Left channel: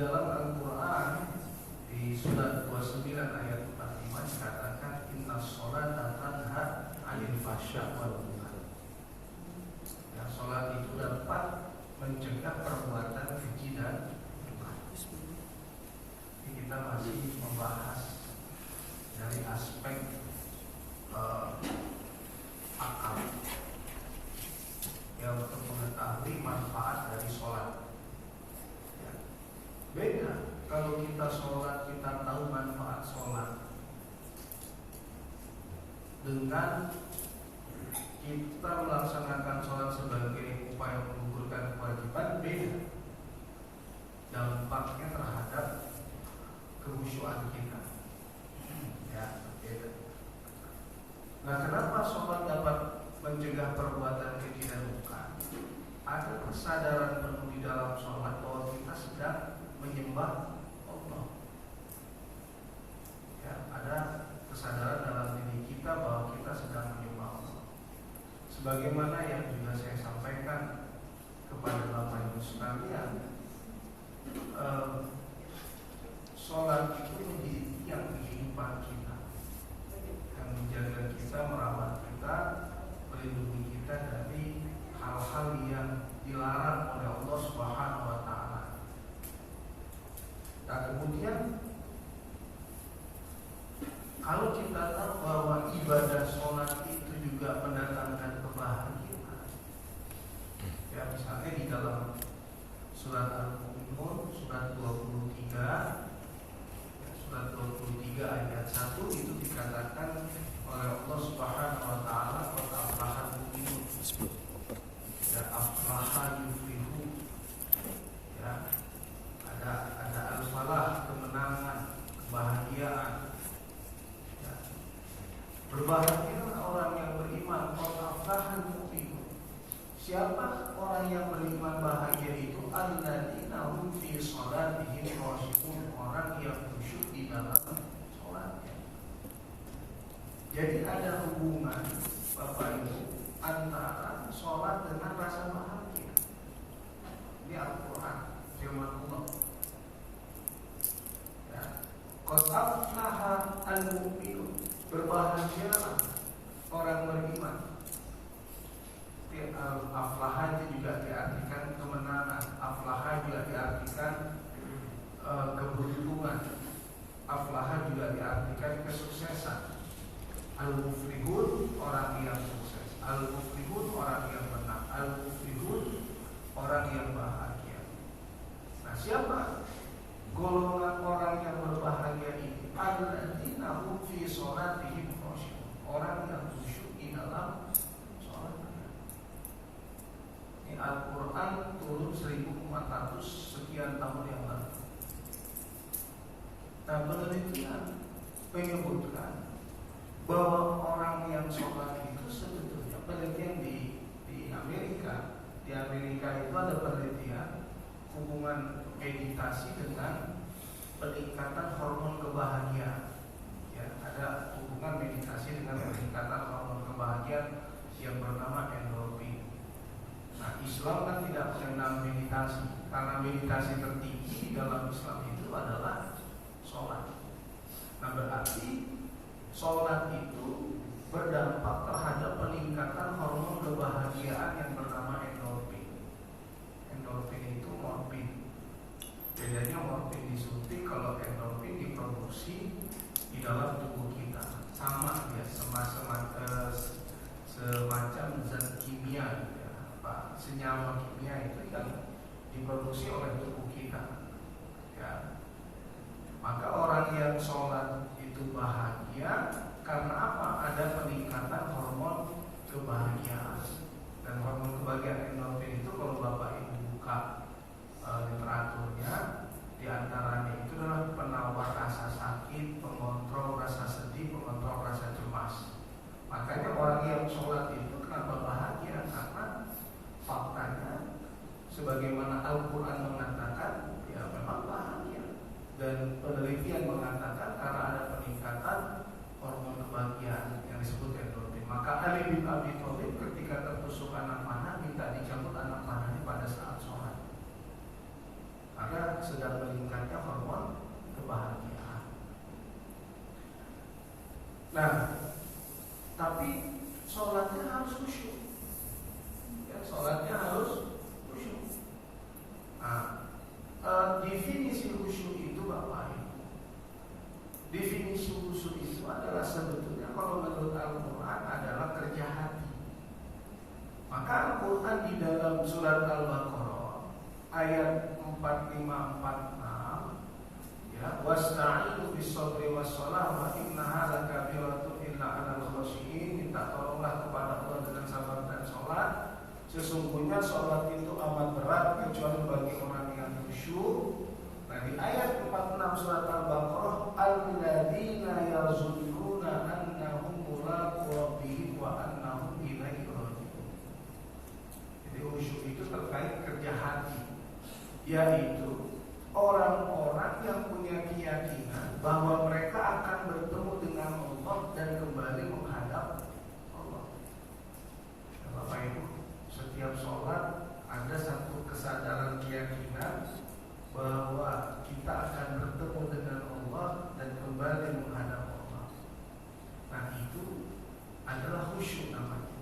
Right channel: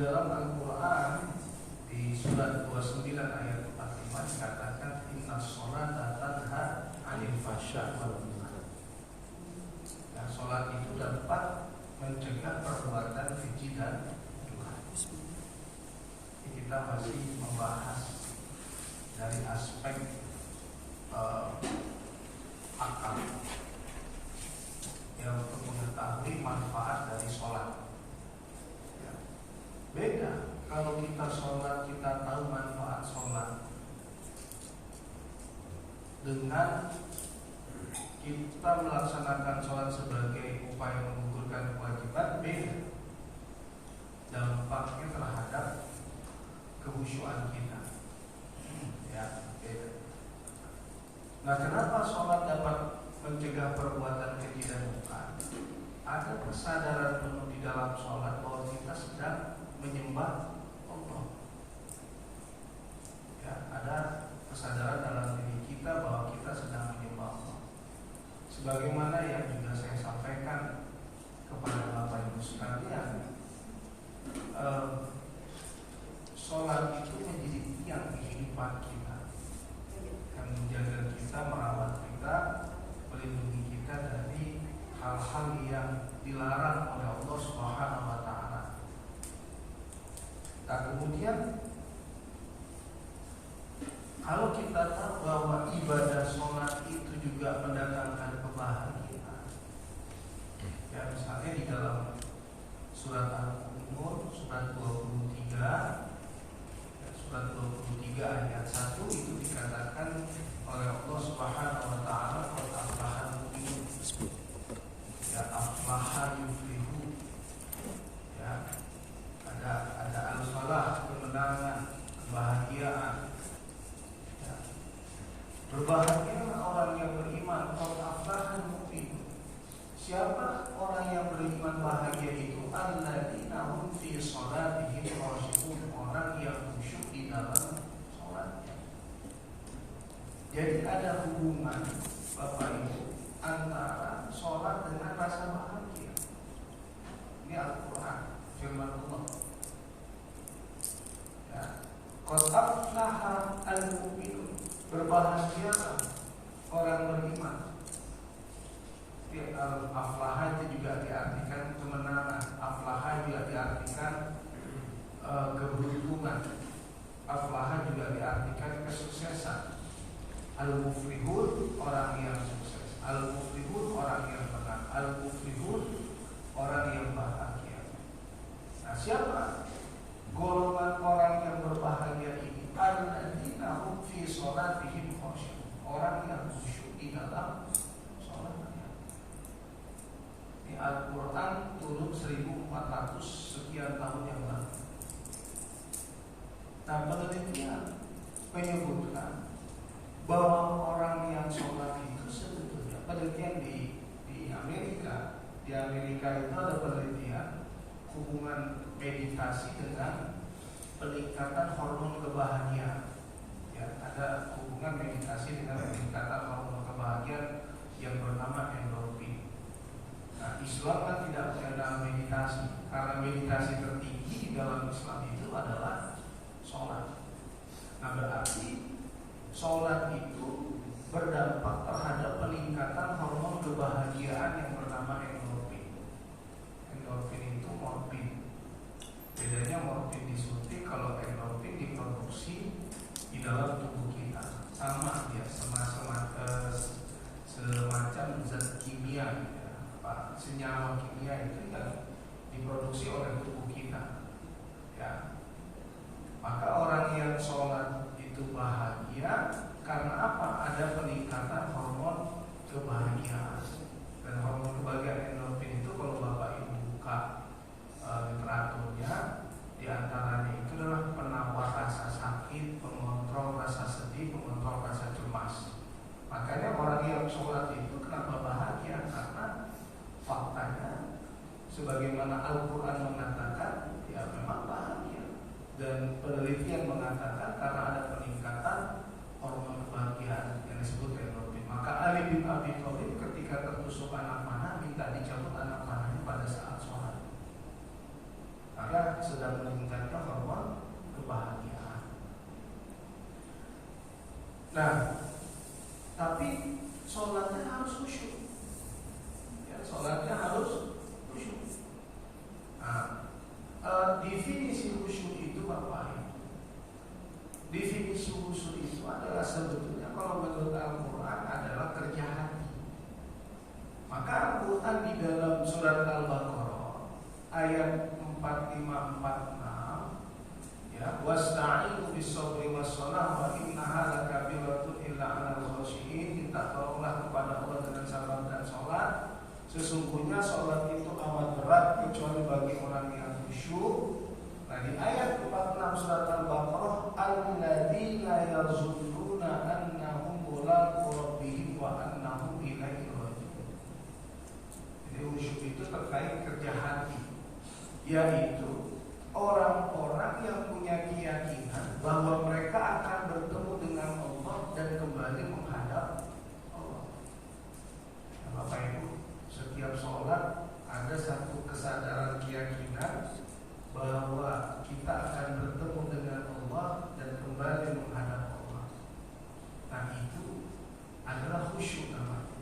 dalam Al-Quran di surat 29 ayat 45 dikatakan inna sholata tanha 'anil fahsya'i wal munkar. Ya, sholat itu dapat mencegah perbuatan keji dan munkar. Kita masih membahas dari aspek akal, ya, untuk mengetahui manfaat dari sholat. Ya. Beda kalau kita sholat, kita tahu manfaat sholat dengan kita melaksanakan sholat sebagai upaya menggugurkan kewajiban. Beda dampaknya terhadap kekhusyuan kita. Ya, beda. Nah, kenapa sholat dapat mencegah perbuatan keji dan munkar? Ada kesadaran penuh di dalam sholat bahwa kita sedang menyembah Allah. Ya, ada kesadaran dalam diri kita bahwa kita sedang menyembah Allah. Sebagaimana yang juga saya sampaikan kepada Bapak Ibu sekalian, sholat itu menjadi tiang kehidupan kita, yang menjaga kita, merawat kita, melindungi kita dari hal-hal yang dilarang oleh Allah Subhanahu wa taala. Nah, kemudian kalau kita tahu bahwa ibadah sholat itu juga mendatangkan kebahagiaan, ya, misalnya di dalam surat Al-Mu'minun surat 23 Surat 23 ayat 1 itu dikatakan oleh Allah Subhanahu wa taala, qad aflaha al-mu'minun, ya, aflaha yuflihu. Ya, ada al-falah, kemenangan, kebahagiaan. Ya. Berbahagialah orang yang beriman, qad aflaha al-mu'minun. Siapa orang yang beriman bahagia itu? Alladzina hum fi shalatihim khashi'un, orang yang khusyuk di dalam sholatnya. Jadi ada hubungan, Bapak Ibu, antara sholat dengan rasa bahagia. Ini Al-Quran, firman Allah. Ya, qad aflaha al-mu'minun, berbahagialah orang beriman. Aflaha itu juga diartikan kemenangan. Aflaha juga diartikan keberuntungan. Aflaha juga diartikan kesuksesan. Al-muflihun, orang yang sukses. Al-muflihun, orang yang menang. Al-muflihun, orang yang bahagia. Nah, siapa golongan orang yang berbahagia ini? Alladzina hum fi sholatihim khashi'un, orang yang khusyuk di dalam sholatnya. Ini Al-Quran turun 1400 sekian tahun yang lalu. Nah, penelitian menyebutkan bahwa orang yang sholat itu sebetulnya, penelitian di Amerika, di Amerika itu ada penelitian hubungan meditasi dengan peningkatan hormon kebahagiaan. Ya, ada hubungan meditasi dengan peningkatan hormon kebahagiaan yang bernama endorfin. Nah, Islam kan tidak mengenal meditasi, karena meditasi tertinggi dalam Islam itu adalah sholat. Nah, berarti sholat itu berdampak terhadap peningkatan hormon kebahagiaan yang bernama endorfin. Endorfin itu morfin. Bedanya morfin disuntik, kalau endorfin diproduksi di dalam tubuh kita. Sama ya, semacam zat kimia, ya, senyawa kimia itu yang diproduksi oleh tubuh kita. Ya. Maka orang yang sholat itu bahagia karena apa? Ada peningkatan hormon kebahagiaan. Dan hormon kebahagiaan endorfin itu kalau Bapak Ibu buka literaturnya, di antaranya itu adalah penawar rasa sakit, pengontrol rasa sedih, pengontrol rasa cemas. Makanya orang yang sholat itu kenapa bahagia? Karena faktanya sebagaimana Al-Quran mengatakan, ya memang bahagia. Dan penelitian mengatakan karena ada peningkatan hormon kebahagiaan yang disebut endorfin. Maka Ali bin Abi Thalib ketika tertusuk anak panah minta dicabut anak panahnya pada saat sholat. Karena maka sedang meningkatkan hormon kebahagiaan. Nah, tapi sholatnya harus khusyuk. Ya, sholatnya harus khusyuk. Nah, definisi khusyuk itu Bapak Ibu. Definisi khusyuk itu adalah sebetulnya kalau menurut Al-Quran adalah kerja hati. Maka Al-Quran di dalam surat Al-Baqarah ayat 4546 ya, wasta'inu bis-sabri was-shalah wa innaha lakabiratun illa 'alal khashiyin. Minta tolonglah kepada Allah dengan sabar dan sholat. Sesungguhnya sholat itu amat berat kecuali bagi orang yang khusyuk. Nah, di ayat 46 surat Al-Baqarah, alladzina yazunnuna annahum mulaqu rabbihim wa annahum ilaihi raji'un. Jadi khusyuk itu terkait kerja hati, yaitu orang-orang yang punya keyakinan bahwa mereka akan bertemu dengan Allah dan kembali menghadap Allah. Ya, Bapak Ibu, setiap sholat ada satu kesadaran keyakinan bahwa kita akan bertemu dengan Allah dan kembali menghadap Allah. Nah, itu adalah khusyuk namanya.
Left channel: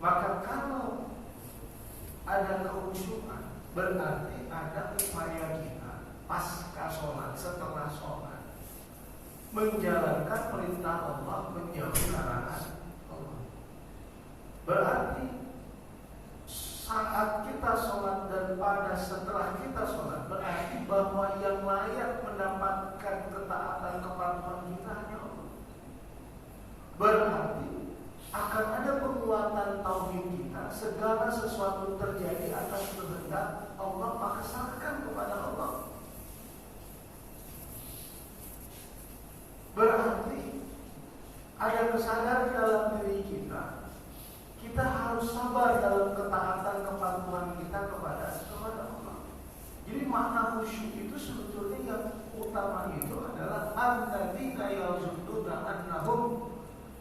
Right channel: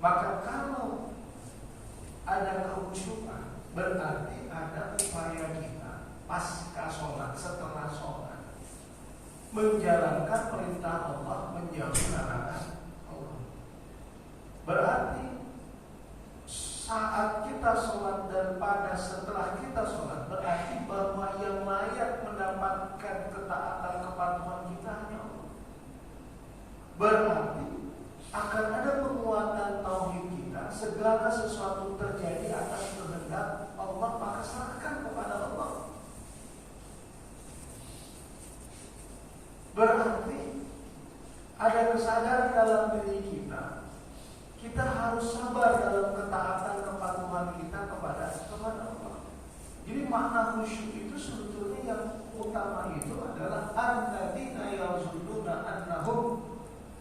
Maka kalau ada kekhusyukan, berarti ada upaya kita pasca sholat, setelah sholat, menjalankan perintah Allah, menjauhi larangan Allah. Berarti saat kita sholat dan pada setelah kita sholat, berarti bahwa yang layak mendapatkan ketaatan kepatuhan kita hanya Allah. Berarti akan ada penguatan tauhid kita. Segala sesuatu terjadi atas kehendak Allah, maka serahkan kepada Allah. Berarti ada kesadaran dalam diri kita. Kita harus sabar dalam ketaatan kepatuhan kita kepada Allah. Jadi makna khusyuk itu sebetulnya yang utama itu adalah alladzina yazunnuna annahum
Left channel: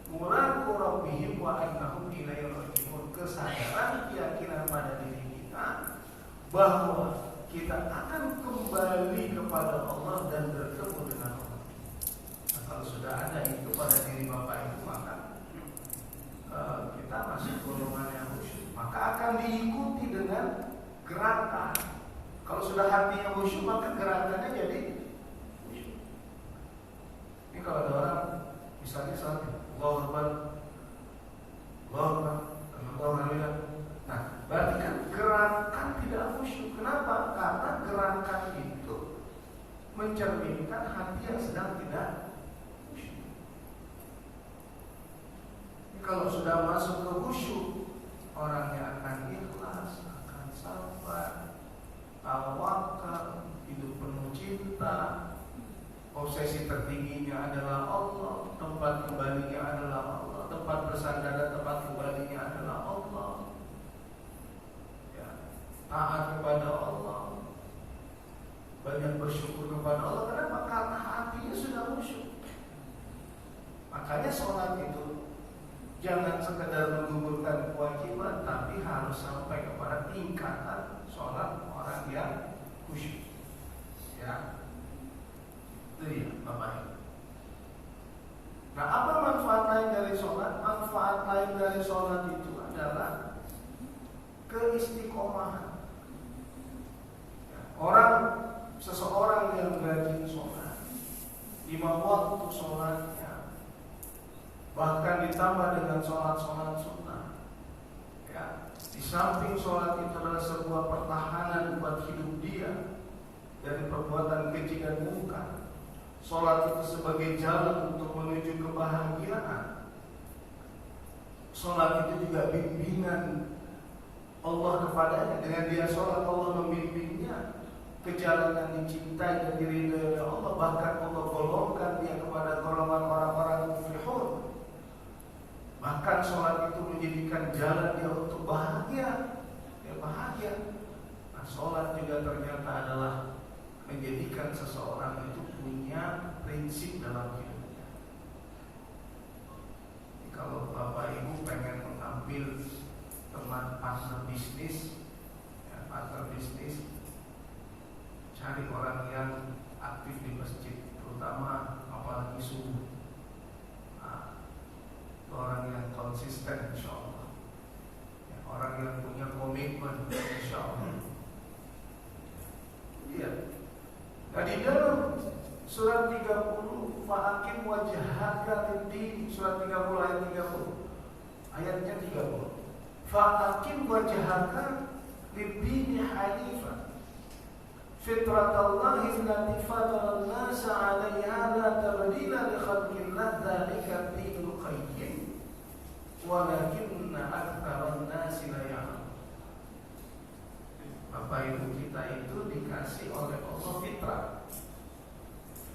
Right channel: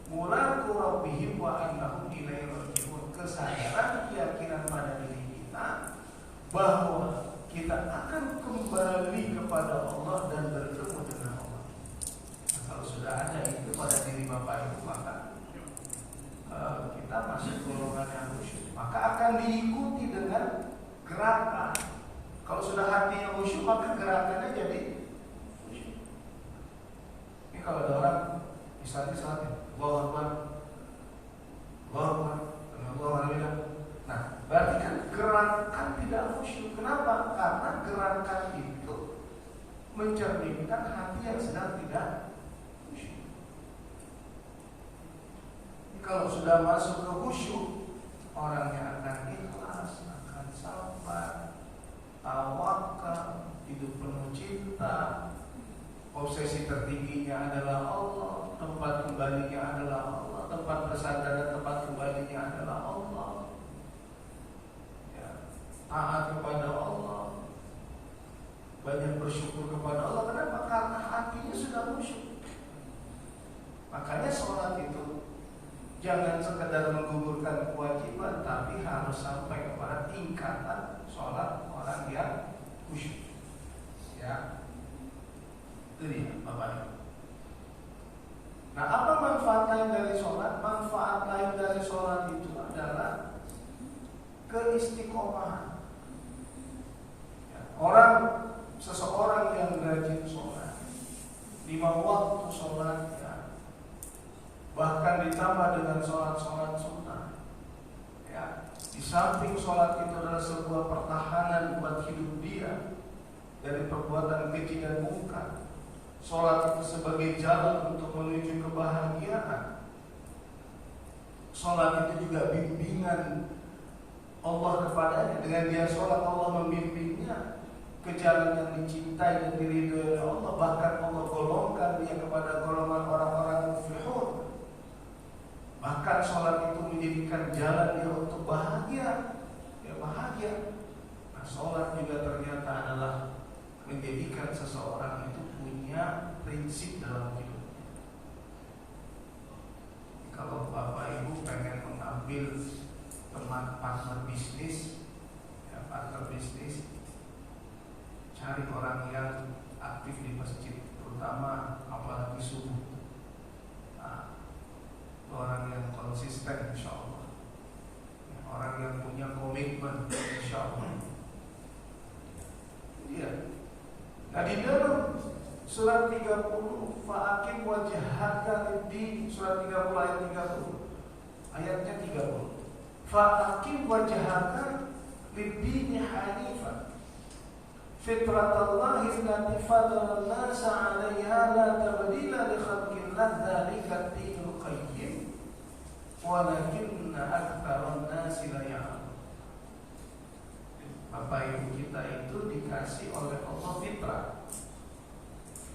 mulaqu rabbihim wa annahum ilaihi raji'un. Kesadaran keyakinan pada diri kita bahwa kita akan kembali kepada Allah dan bertemu dengan Allah. Nah, kalau sudah ada itu pada diri Bapak Ibu, maka kita masuk golongan yang khusyuk. Maka akan diikuti dengan gerakan. Kalau sudah hatinya khusyuk, maka gerakannya jadi khusyuk. Ini kalau ada orang misalnya Allahu Akbar, Allahu Akbar, Allahu Akbar. Nah, berarti kan gerakan tidak khusyuk. Kenapa? Karena gerakan itu mencerminkan hati yang sedang tidak. Kalau sudah masuk ke khusyuk, orangnya akan ikhlas, akan sabar, tawakal, hidup penuh cinta. Obsesi tertingginya adalah Allah, tempat kembalinya adalah Allah, tempat bersandar dan tempat kembalinya adalah Allah. Ya, taat kepada Allah, banyak bersyukur kepada Allah. Kenapa? Karena hatinya sudah khusyuk. Makanya sholat itu jangan sekedar menggugurkan kewajiban, tapi harus sampai kepada tingkatan sholat orang yang khusyuk. Ya, itu dia Bapak. Nah, apa manfaat lain dari sholat? Manfaat lain dari sholat itu adalah keistiqomahan. Ya, seseorang yang rajin sholat, 5 waktu sholatnya, bahkan ditambah dengan sholat-sholat sunnah. Ya, di samping sholat itu adalah sebuah pertahanan buat hidup dia dari perbuatan keji dan mungkar. Sholat itu sebagai jalan untuk menuju kebahagiaan. Sholat itu juga bimbingan Allah kepadanya. Dengan dia sholat, Allah membimbingnya ke jalan yang dicintai dan diridhoi oleh Allah. Bahkan Allah golongkan dia kepada golongan orang-orang muflihun. Bahkan sholat itu menjadikan jalan dia untuk bahagia. Ya, bahagia. Nah, sholat juga ternyata adalah menjadikan seseorang itu punya prinsip dalam hidupnya. Kalau Bapak Ibu pengen mengambil teman partner bisnis, ya, partner bisnis, cari orang yang aktif di masjid, terutama apalagi subuh. Nah, orang yang konsisten insya Allah, orang yang punya komitmen insya Allah. Iya. Nah di dalam surat 30 fa'akim wajhaka lid-din, surat 30 ayat 30, ayatnya 30. Fa'akim wajhaka lid-din hanifan fitratallahi allati fatara an-nasa 'alaiha la tabdila li khalqillah dzalika ad-dinul qayyim walakinna aktsaran nasi la ya'lamun. Bapak Ibu kita itu dikasih oleh Allah fitrah.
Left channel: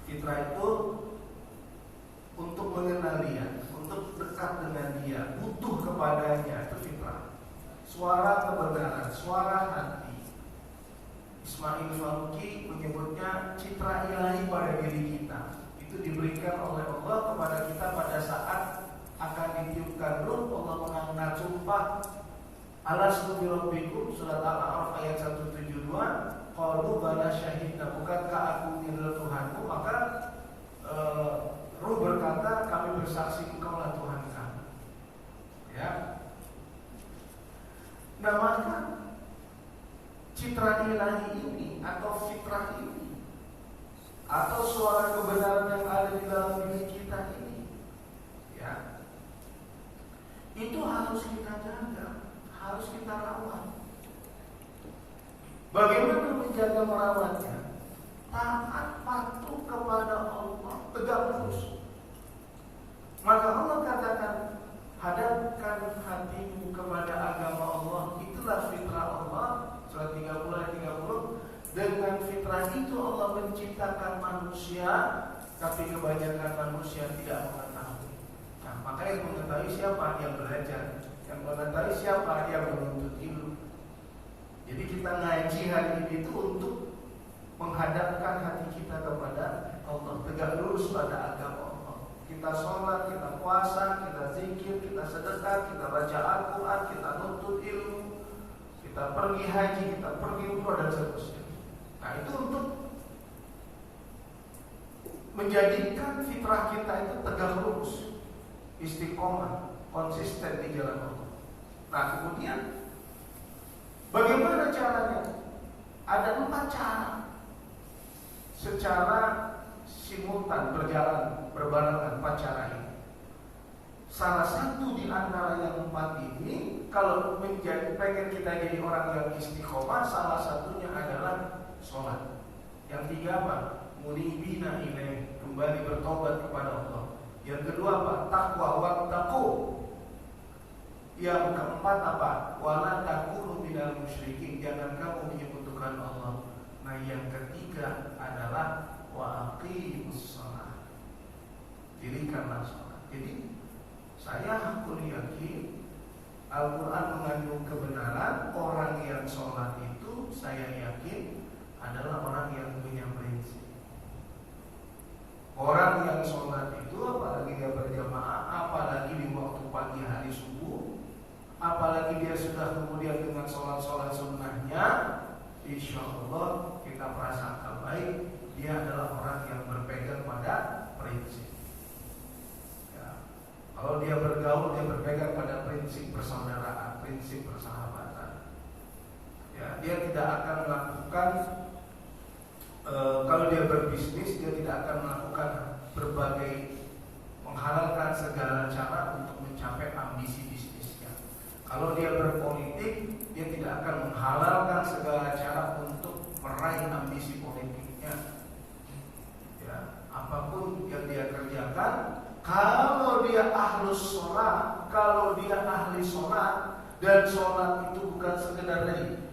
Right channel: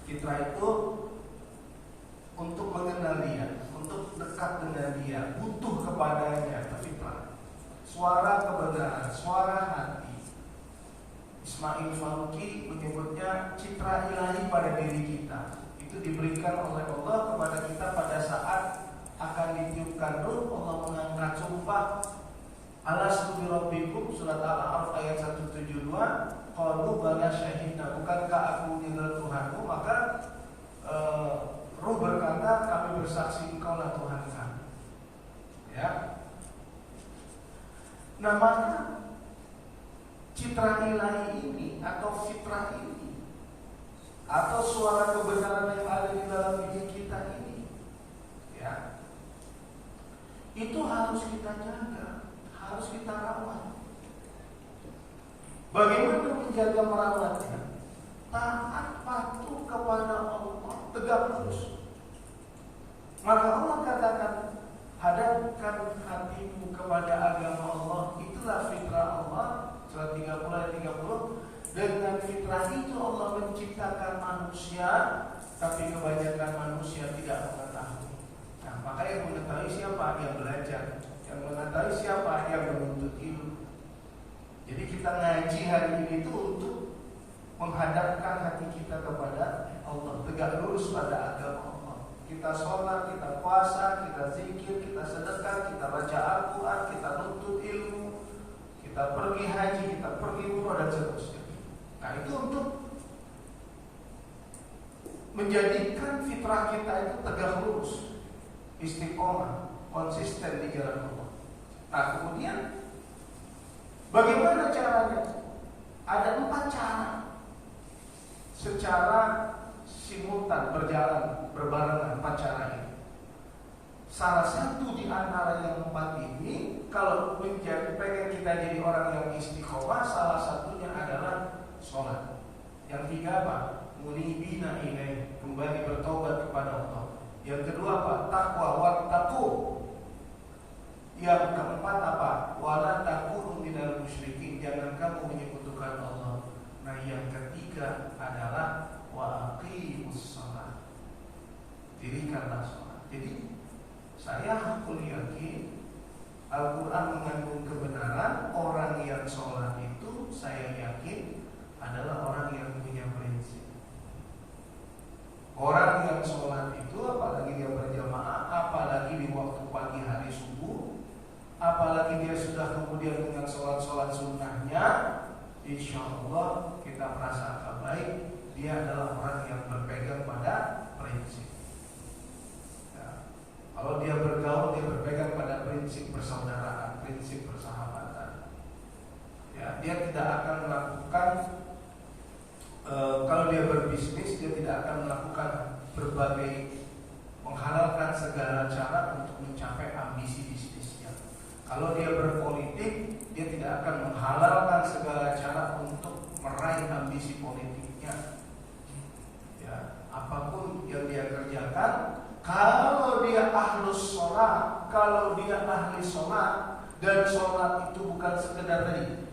Fitrah itu untuk mengenal Dia, untuk dekat dengan Dia, butuh kepadanya, itu fitrah. Suara kebenaran, suara hati. Ismail Faruqi menyebutnya citra ilahi pada diri kita. Itu diberikan oleh Allah kepada kita pada saat akan ditiupkan ruh. Allah mengangkat sumpah, alastu bi rabbikum, surat Al-A'raf ayat 172. Qalu bala syahidna, bukankah aku adalah Tuhanmu? Maka ruh berkata, kami bersaksi engkaulah Tuhan kami. Ya. Nah maka citra ilahi ini atau fitrah ini atau suara kebenaran yang ada di dalam diri kita ini, ya, itu harus kita jaga, harus kita rawat. Bagaimana menjaga merawatnya? Taat patuh kepada Allah, tegak lurus. Maka Allah katakan, hadapkan hatimu kepada agama Allah. Itulah fitrah Allah. Surat 30 ayat 30. Dengan fitrah itu Allah menciptakan manusia, tapi kebanyakan manusia tidak mengetahui. Nah, maka yang mengetahui siapa? Yang belajar. Yang mengetahui siapa? Yang menuntut ilmu. Jadi kita ngaji hari ini itu untuk menghadapkan hati kita kepada Allah, tegak lurus pada agama Allah. Kita sholat, kita puasa, kita zikir, kita sedekah, kita baca Al-Quran, kita nuntut ilmu, kita pergi haji, kita pergi umrah dan seterusnya. Nah itu untuk menjadikan fitrah kita itu tegak lurus, istiqomah, konsisten di jalan Allah. Nah kemudian bagaimana caranya? Ada 4 cara secara simultan berjalan berbarengan 4 cara ini. Salah satu di antara yang 4 ini, kalau pengen kita jadi orang yang istiqomah, salah satunya adalah sholat. Yang 3 apa? Munibina ilaih, kembali bertobat kepada Allah. Yang kedua apa? Taqwa wattaqu. Yang keempat apa? Wala takunu minal musyrikin, jangan kamu menyekutukan Allah. Nah yang ketiga adalah wa aqimus shalah, dirikanlah sholat. Jadi saya hakul yakin Al-Quran mengandung kebenaran. Orang yang sholat itu saya yakin adalah orang yang punya prinsip. Orang yang sholat itu apalagi dia berjamaah, apalagi di waktu pagi hari subuh, apalagi dia sudah kemudian dengan sholat-sholat sunnahnya, insya Allah kita prasangka baik dia adalah orang yang berpegang pada prinsip. Ya. Kalau dia bergaul, dia berpegang pada prinsip persaudaraan, prinsip persahabatan. Ya, dia tidak akan melakukan kalau dia berbisnis, dia tidak akan melakukan berbagai menghalalkan segala cara untuk mencapai ambisi bisnisnya. Kalau dia berpolitik, dia tidak akan menghalalkan segala cara untuk meraih ambisi politiknya. Ya, apapun yang dia kerjakan, kalau dia ahlus sholat, kalau dia ahli sholat, dan sholat itu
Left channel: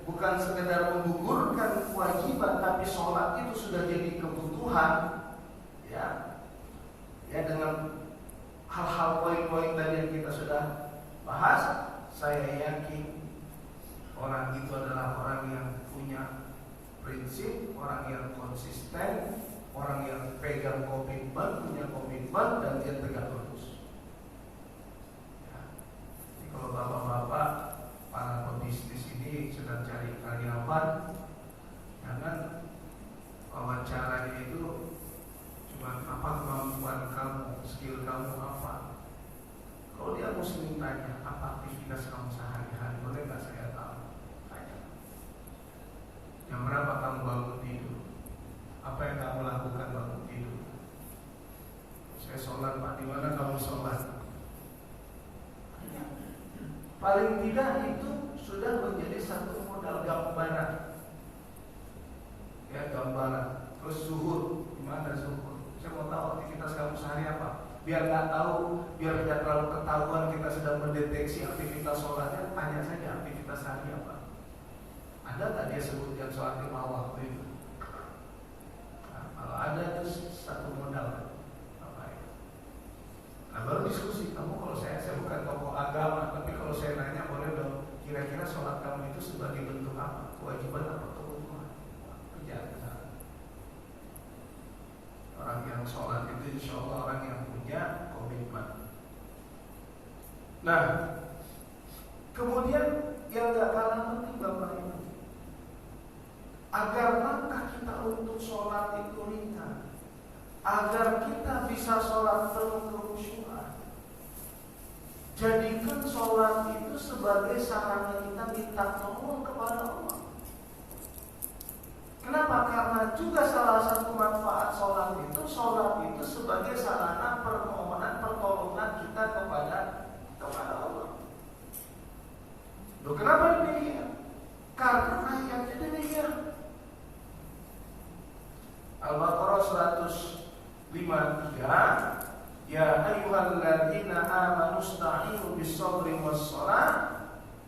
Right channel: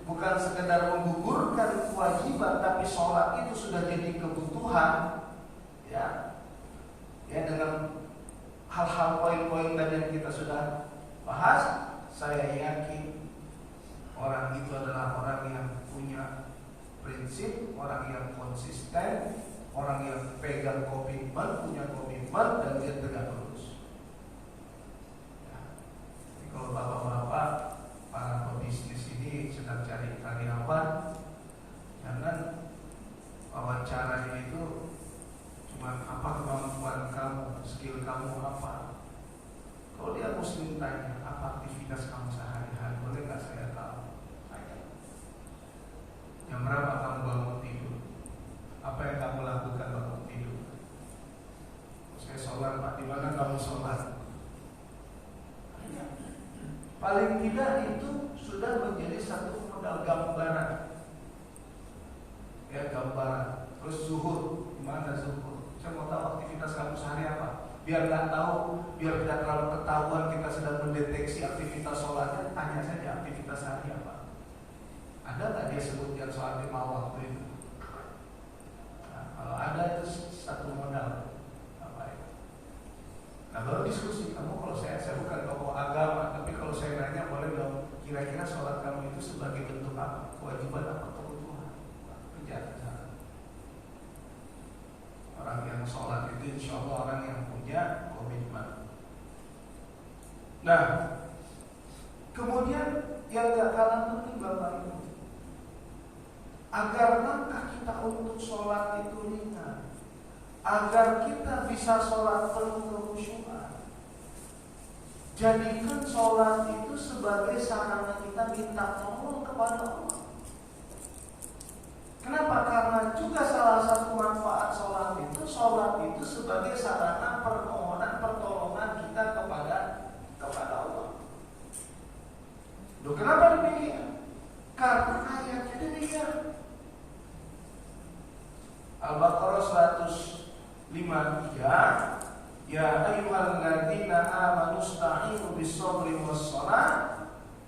bukan sekedar menggugurkan kewajiban, tapi sholat itu sudah jadi kebutuhan. Ya, dengan hal-hal poin-poin tadi yang kita sudah bahas, saya yakin orang itu adalah orang yang punya prinsip, orang yang konsisten, orang yang pegang komitmen, punya komitmen, dan dia tegak lurus. Ya. Jadi kalau bapak-bapak para pebisnis ini sedang cari karyawan, jangan wawancaranya itu cuma apa kemampuan kamu, skill kamu apa. Kalau dia muslim tanya, apa aktivitas kamu sehari-hari, boleh nggak saya tahu? Tanya. Jam berapa kamu bangun tidur? Apa yang kamu lakukan bangun tidur? Saya sholat Pak, di mana kamu sholat? Tanya. Paling tidak itu sudah menjadi satu modal gambaran. Ya, gambaran. Terus zuhur, gimana zuhur? Saya mau tahu aktivitas kamu sehari apa. Biar nggak tahu, biar tidak terlalu ketahuan kita sedang mendeteksi aktivitas sholatnya, tanya saja aktivitas hari apa. Ada nggak dia sebut yang sholat 5 waktu itu? Nah, kalau ada itu satu modal. Apa itu? Nah, baru diskusi. Kamu kalau saya bukan tokoh agama, tapi kalau saya nanya boleh dong, kira-kira sholat kamu itu sebagai bentuk apa? Kewajiban apa kebutuhan? Kerja. Orang yang sholat itu insya Allah orang yang punya komitmen. Nah, kemudian yang gak kalah penting Bapak Ibu, agar langkah kita untuk sholat itu ringan, agar kita bisa sholat penuh kekhusyuan, jadikan sholat itu sebagai sarana kita minta tolong kepada Allah. Kenapa? Karena juga salah satu manfaat sholat itu sebagai sarana pertolongan kita kepada Allah. Loh, kenapa demikian? Karena ayatnya demikian. Al-Baqarah 153, ya ayyuhalladzina amanu ista'inu bis-sabri was-shalah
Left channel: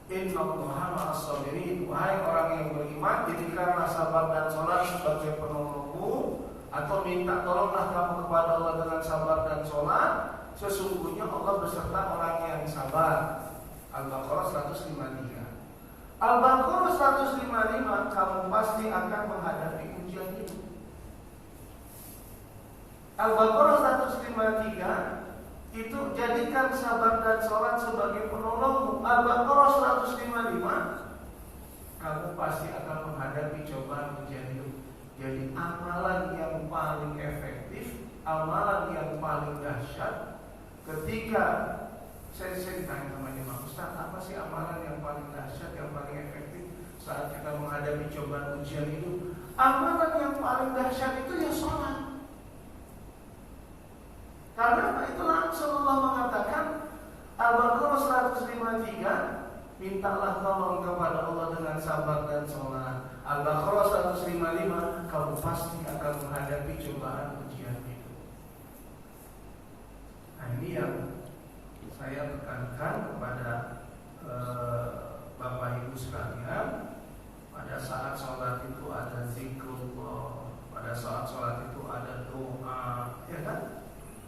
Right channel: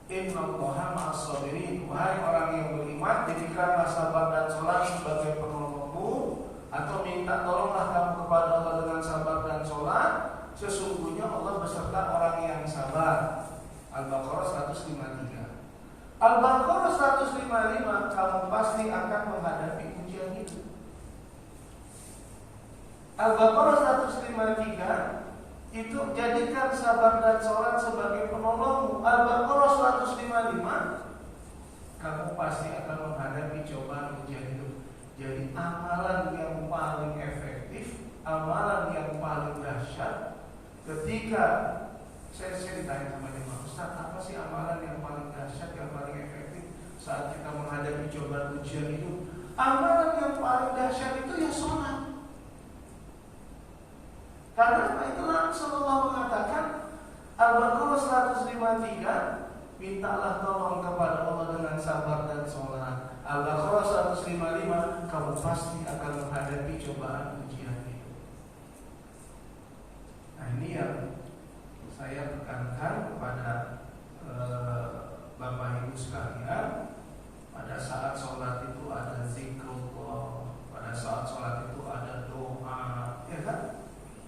innallaha ma'as-sabirin. Wahai orang yang beriman, jadikanlah sabar dan sholat sebagai penolongmu, atau minta tolonglah kamu kepada Allah dengan sabar dan sholat. Sesungguhnya Allah beserta orang yang sabar. Al-Baqarah 153. Al-Baqarah 155, kamu pasti akan menghadapi ujian itu. Al-Baqarah 153 itu jadikan sabar dan sholat sebagai penolongmu. Al-Baqarah 155, kamu pasti akan menghadapi cobaan ujian hidup. Jadi amalan yang paling efektif, amalan yang paling dahsyat, ketika saya ditanya sama Imam Ustaz, apa sih amalan yang paling dahsyat, yang paling efektif saat kita menghadapi cobaan ujian hidup? Amalan yang paling dahsyat itu ya sholat. Karena itulah Rasulullah mengatakan, Al-Baqarah 153, mintalah tolong kepada Allah dengan sabar dan sholat. Al-Baqarah 155, kamu pasti akan menghadapi cobaan ujian itu. Nah, ini yang saya tekankan kepada Bapak Ibu sekalian. Pada saat sholat itu ada zikrullah, pada saat sholat itu ada doa, ya kan?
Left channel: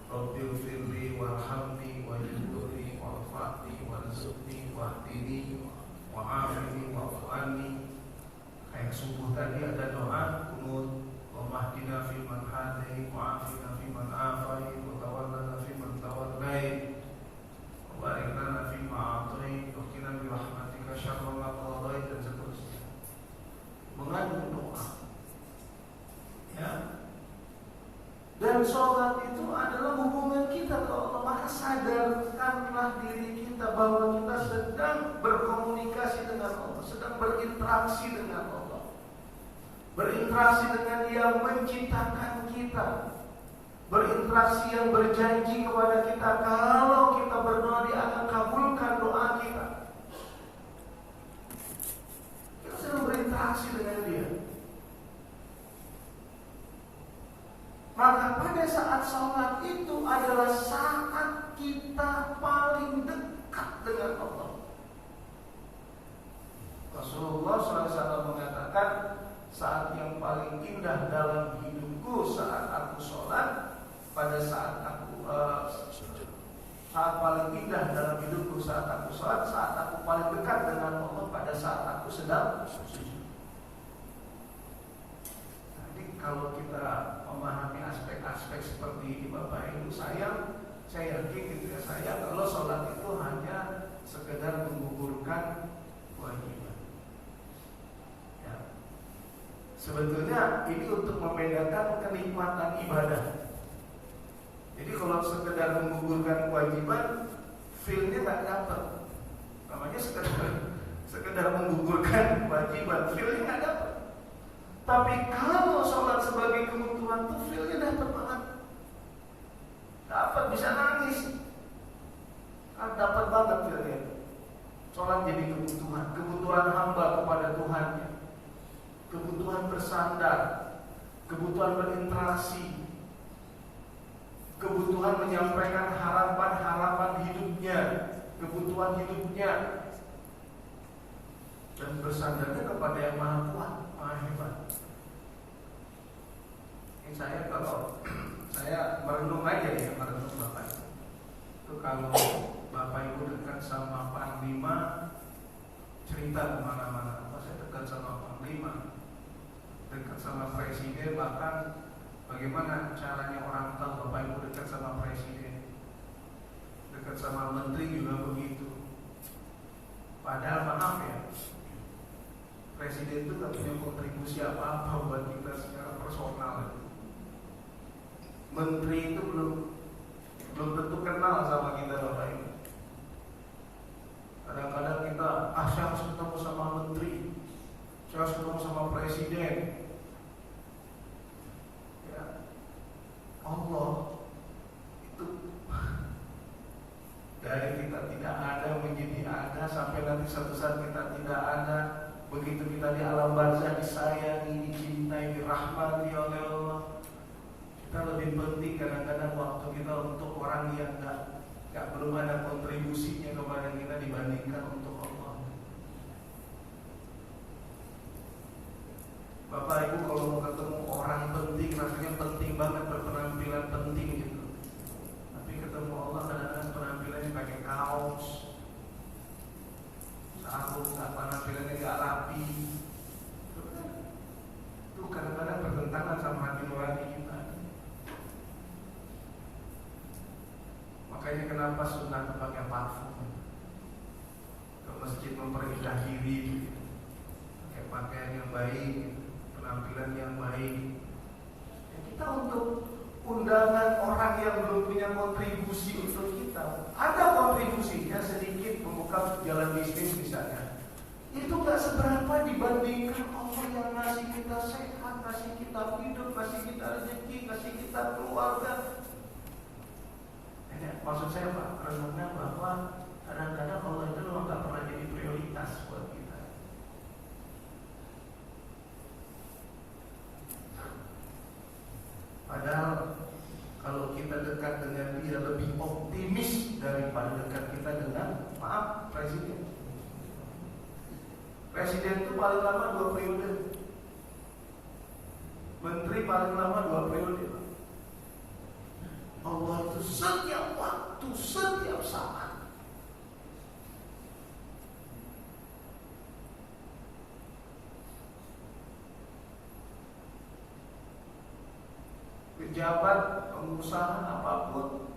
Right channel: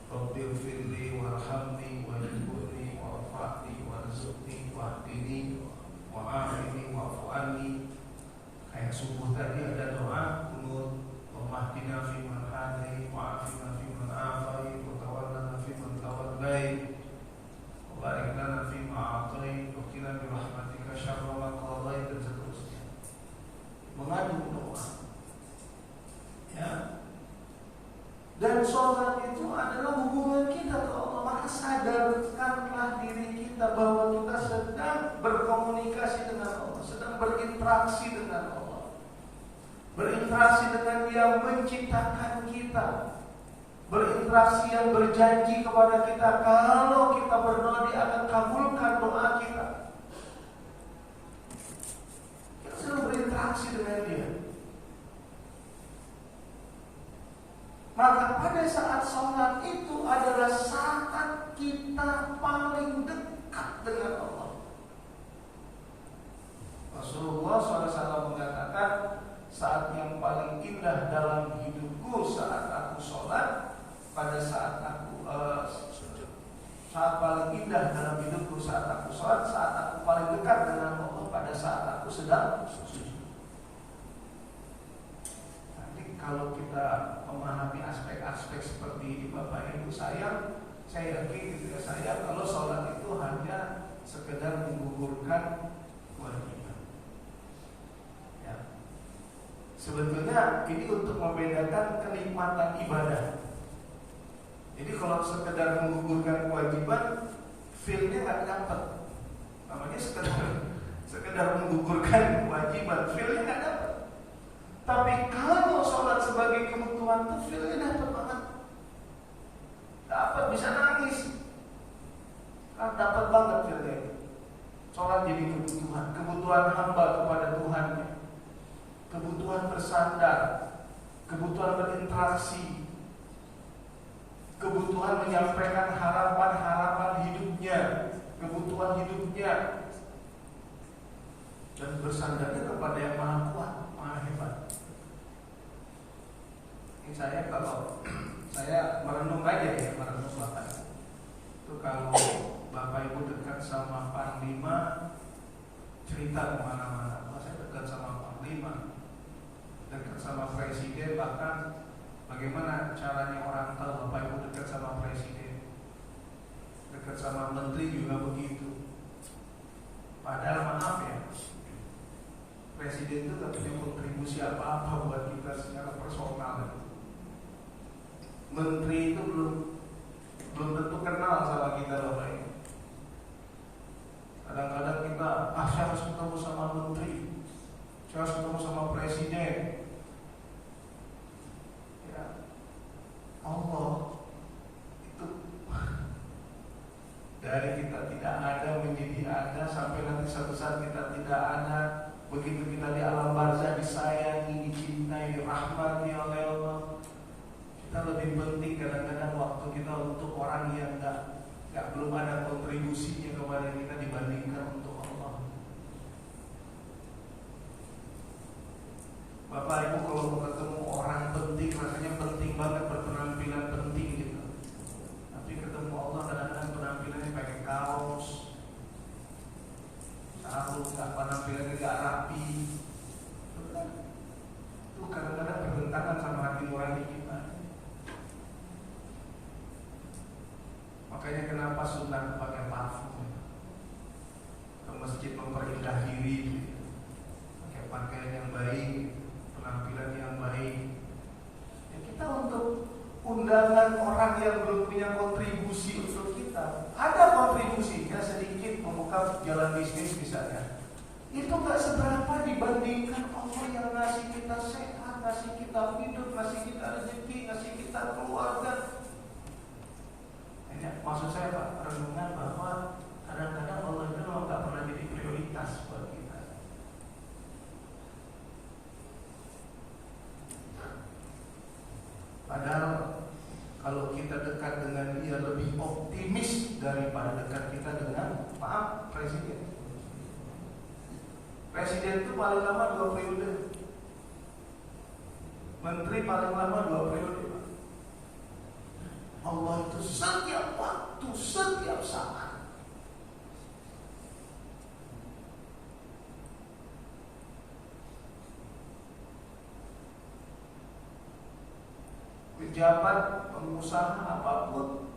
Rabbil firli warhamni wajiburi warfa'ni warzuqni wahdini wa'afini wa'fu'ani. Kayak subuh tadi ada doa kunut, Allahumma fi man hadai wa'afina fi man afai wa tawallana fi man tawallai wa barik lana fi ma a'tai wa qina bi rahmatika syarra ma qadai, dan seterusnya. Mengadu doa, ya. Dan sholat itu adalah hubungan kita ke Allah. Maka sadarkanlah diri kita bahwa kita sedang berkomunikasi dengan Allah, sedang berinteraksi dengan Allah, berinteraksi dengan Yang menciptakan kita, berinteraksi yang berjanji kepada kita kalau kita berdoa Dia akan kabulkan doa kita. Kita sedang berinteraksi dengan Dia. Maka pada saat sholat itu adalah saat kita paling dekat dengan Allah. Rasulullah SAW mengatakan, saat yang paling indah dalam hidupku saat aku sholat, pada saat aku saat paling indah dalam hidupku saat aku sholat, saat aku paling dekat dengan Allah pada saat aku sedang sujud. Kalau kita memahami aspek-aspek seperti ini Bapak Ibu, saya yakin tidak saya kalau sholat itu hanya sekedar menggugurkan kewajiban, ya. Sebetulnya ini untuk membedakan kenikmatan ibadah. Jadi kalau sekedar menggugurkan kewajiban, feel-nya nggak dapat. Namanya sekedar menggugurkan kewajiban, feel-nya nggak dapat. Tapi kalau sholat sebagai kebutuhan tuh feel-nya dapat banget. Dapat, bisa nangis. Dapat banget feel-nya. Sholat jadi kebutuhan hamba kepada Tuhannya, kebutuhan bersandar, kebutuhan berinteraksi, kebutuhan menyampaikan harapan-harapan hidupnya, kebutuhan hidupnya, dan bersandarnya kepada yang maha kuat, maha hebat. Ini saya kalau saya merenung aja ya, merenung Bapak Ibu. Itu kalau Bapak Ibu dekat sama Panglima, cerita kemana-mana. Saya dekat sama Panglima, dekat sama Presiden, bahkan bagaimana caranya orang tahu Bapak Ibu dekat sama Presiden, dekat sama Menteri juga begitu. Padahal maaf ya, Presiden itu tak punya kontribusi apa-apa buat kita secara personal. Menteri itu belum tentu kenal sama kita Bapak Ibu. Kadang-kadang kita, saya harus ketemu sama Menteri, saya harus ketemu sama Presiden. Ya, Allah itu dari kita tidak ada menjadi ada, sampai nanti suatu saat kita tidak ada. Begitu kita di alam barzah disayangi, dicintai, dirahmati oleh Allah, kita lebih penting kadang-kadang waktu kita untuk orang yang belum ada kontribusinya kepada kita dibandingkan untuk Allah. Bapak Ibu kalau mau ketemu orang penting, rasanya penting banget, berpenampilan penting gitu. Tapi ketemu Allah kadang-kadang penampilannya pakai kaos, sarung, penampilannya gak rapi. Itu kadang-kadang bertentangan sama hati nurani kita. Makanya kenapa sunat pakai parfum, ke masjid memperindah diri, pakai pakaian yang baik, penampilan yang baik. Ya, kita untuk undangan orang yang belum punya kontribusi untuk kita, ada kontribusinya sedikit, membuka jalan bisnis misalnya, itu gak seberapa dibandingkan Allah yang ngasih kita sehat, ngasih kita hidup, ngasih kita rezeki, ngasih kita keluarga. Maksud saya Pak, renungan bahwa kadang-kadang Allah itu memang gak pernah jadi prioritas buat kita. Padahal kalau kita dekat dengan dia lebih optimis daripada dekat kita dengan Presiden. Presiden itu paling lama 2 periode, Menteri paling lama 2 periode. Allah itu setiap waktu, setiap saat. Pejabat, pengusaha apapun,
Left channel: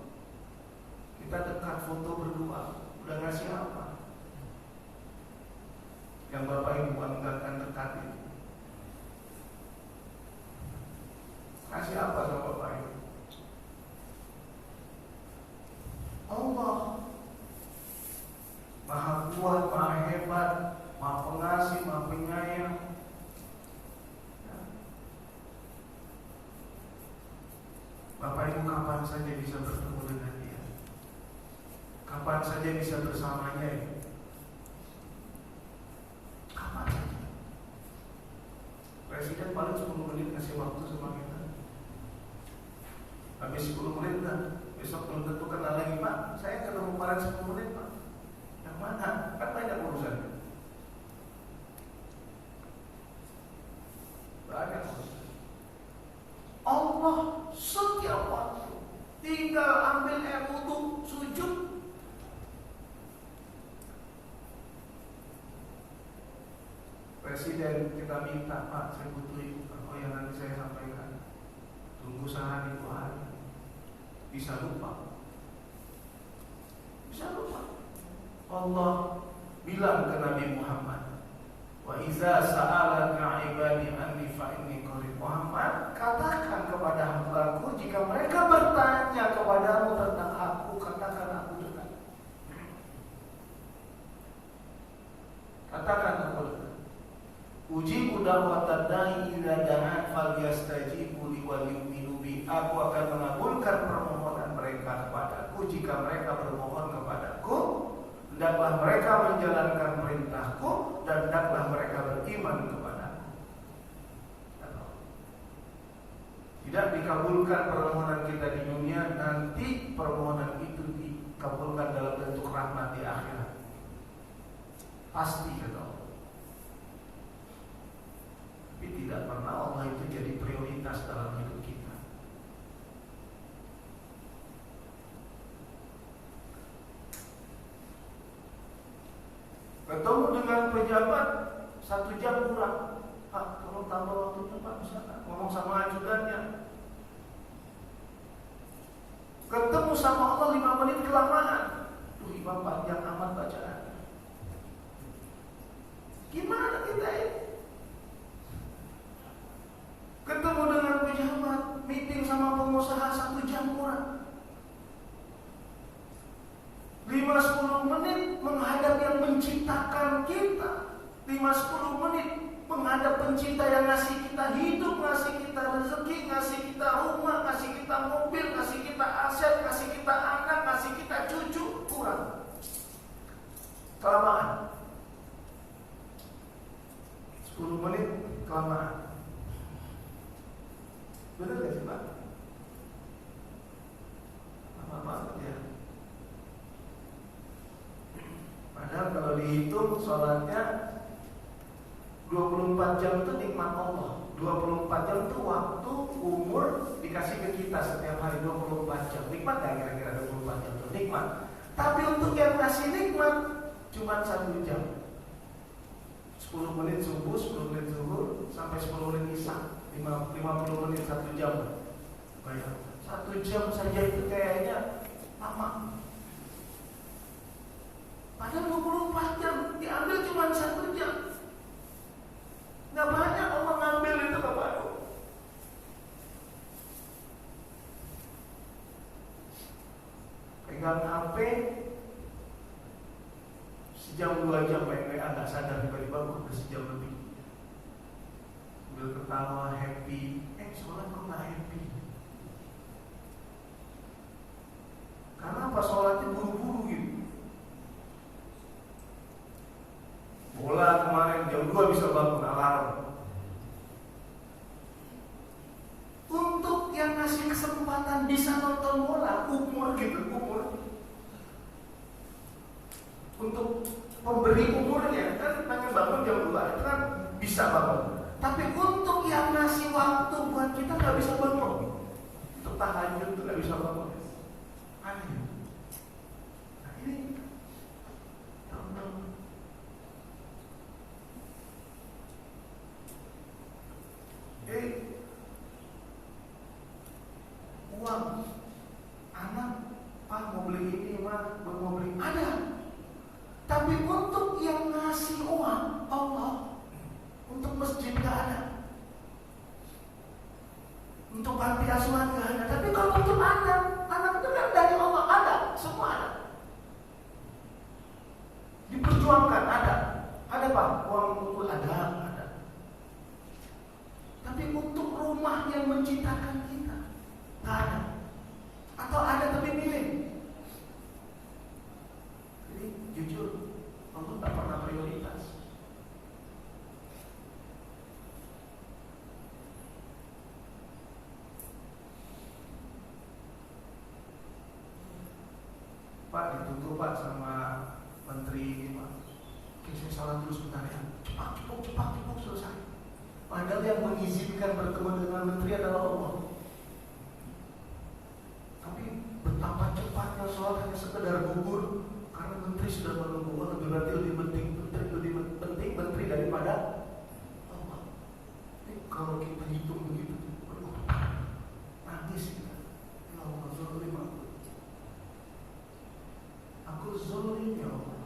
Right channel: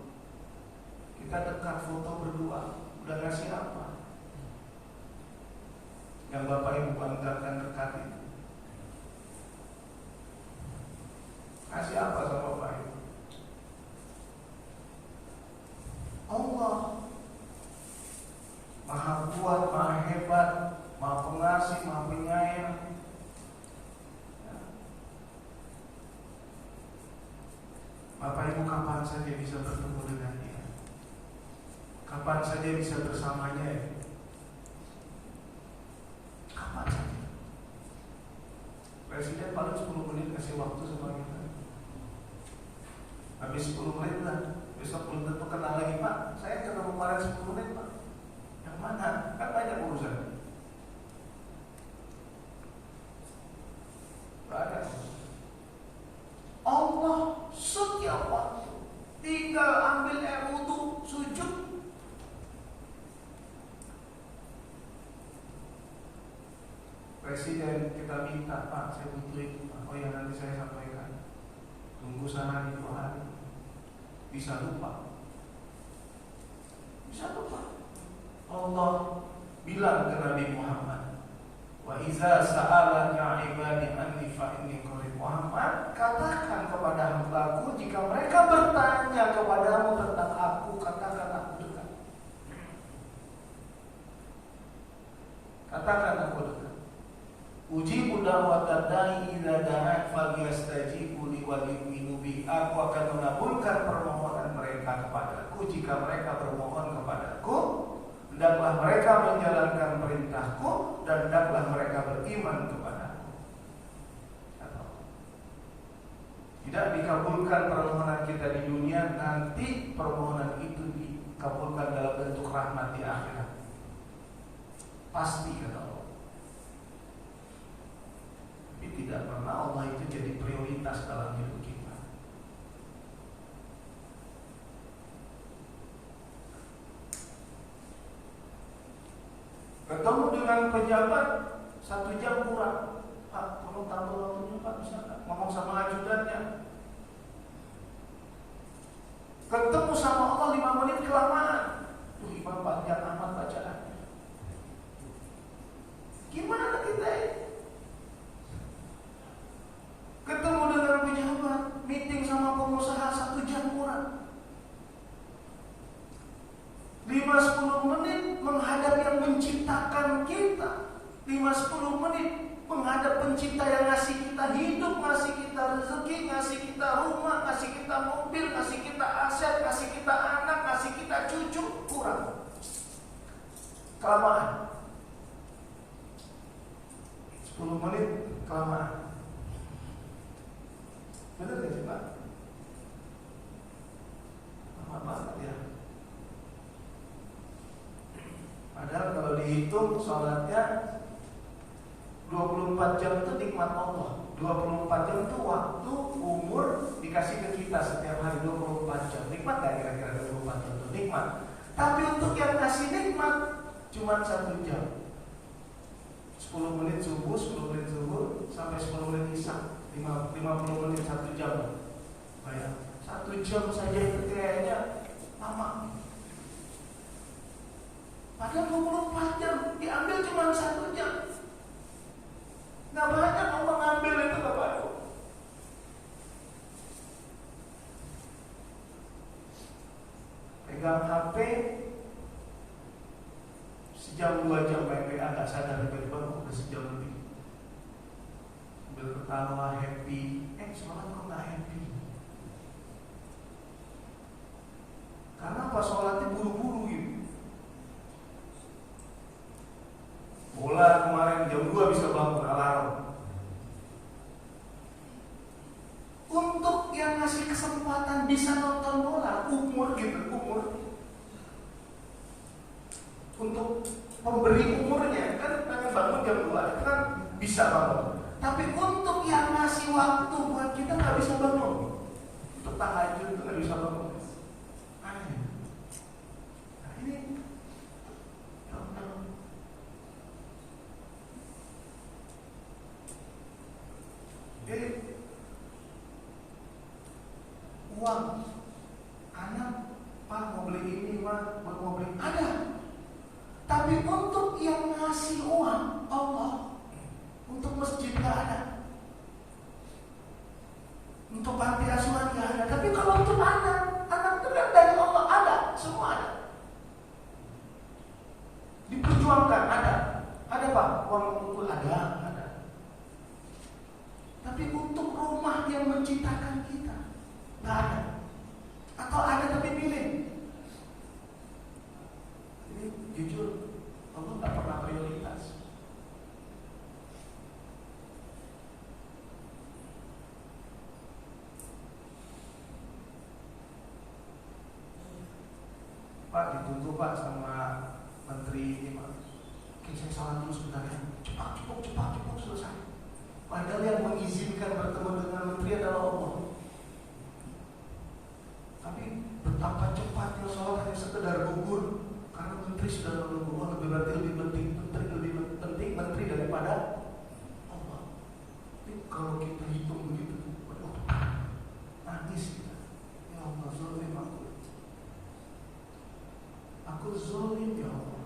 kita dekat foto berdua, udah ngasih apa? Yang Bapak Ibu banggakan dekat itu. Kasih apa sama Bapak Ibu? Allah Maha kuat, Maha hebat, Maha pengasih, Maha penyayang. Bapak Ibu kapan saja bisa bertemu dengan dia, kapan saja bisa bersamanya ya. Kapan saja. Presiden paling 10 menit kasih waktu sama kita. Habis 10 menit lah, besok belum tentu kenal lagi Pak. Saya ketemu kemarin 10 menit Pak. Yang mana? Kan banyak urusan. Banyak. Allah setiap waktu tinggal ambil air wudu, sujud. Presiden kita minta Pak, saya butuh itu. Oh ya nanti saya sampaikan. Tunggu sehari 2 hari. Bisa lupa. Bisa lupa. Allah bilang ke Nabi Muhammad, wa iza sa'alaka ibadi anni fa inni kepadamu tentang aku, katakan aku dekat. Katakan aku dekat. Ujibu da'watad da'i idza da'an falyastajibu li wal yu'minu bi. Aku akan mengabulkan permohonan mereka kepadaku jika mereka bermohon kepadaku. Hendaklah mereka menjalankan perintahku dan hendaklah mereka beriman kepadaku. Tidak dikabulkan permohonan kita di dunia, nanti permohonan itu dikabulkan dalam bentuk rahmat di akhirat. Pasti kata Allah. Tapi tidak pernah Allah itu jadi prioritas dalam hidup kita. Ketemu dengan pejabat 1 jam kurang. Pak, tolong tambah waktunya Pak, misalnya ngomong sama ajudannya. Ketemu sama Allah 5 menit kelamaan. Tuh Imam panjang amat bacaannya. Gimana kita ini? Ketemu dengan pejabat, meeting sama pengusaha 1 jam kurang. 5-10 menit menghadap yang menciptakan kita. 5-10 menit menghadap pencipta yang ngasih kita hidup, ngasih kita rezeki, ngasih kita rumah, ngasih kita mobil, ngasih kita aset, ngasih kita anak, ngasih kita cucu. Kurang. Kelamaan. 10 menit kelamaan. Benar gak sih Pak? Lama banget ya. Padahal kalau dihitung sholatnya 24 jam itu nikmat Allah. 24 jam itu waktu umur dikasih ke kita setiap hari 24 jam. Nikmat gak kira-kira 24 jam itu? Nikmat. Tapi untuk yang kasih nikmat cuma 1 jam. 10 menit subuh, 10 menit zuhur sampai 10 menit isya. 50 menit 1 jam. Bayang, 1 jam saja itu kayaknya lama. Padahal 24 jam diambil cuma 1 jam. Nggak banyak orang ngambil itu Bapak. Pegang HP sejam 2 jam main WA nggak sadar tiba-tiba udah sejam lebih. Sambil ketawa happy, sholat kok nggak happy? Karena pas sholatnya buru-buru gitu. Bola kemarin jam 2 bisa bangun alarm. Untuk yang ngasih kesempatan bisa nonton bola, umur gitu, umur. Untuk pemberi umurnya kan pengen bangun jam 2 itu kan bisa bangun. Tapi untuk yang ngasih waktu buat kita nggak bisa bangun. Untuk tahajud itu nggak bisa bangun. Aneh. Nah ini uang anak Pak mau beli ini Pak mau beli ada. Tapi untuk yang ngasih uang Allah, untuk masjid nggak ada, untuk panti asuhan nggak ada. Tapi kalau untuk anak itu kan dari Allah ada, semua ada. Diperjuangkan ada Pak uang untuk ada. Tapi untuk rumah yang menciptakan kita nggak ada, atau ada tapi minim. Jadi jujur, Allah nggak pernah prioritas. Pak ditunggu Pak sama menteri ini Pak. Oke saya salam dulu sebentar ya. Cepat selesai. Padahal yang mengizinkan bertemu dengan menteri adalah Allah. Tapi betapa cepatnya sholat hanya sekedar gugur karena menteri sudah menunggu. Lebih penting menteri daripada Allah. Jadi kalau kita hitung begitu, aduh, nangis kita. Ya Allah, zalim aku zalim ya Allah.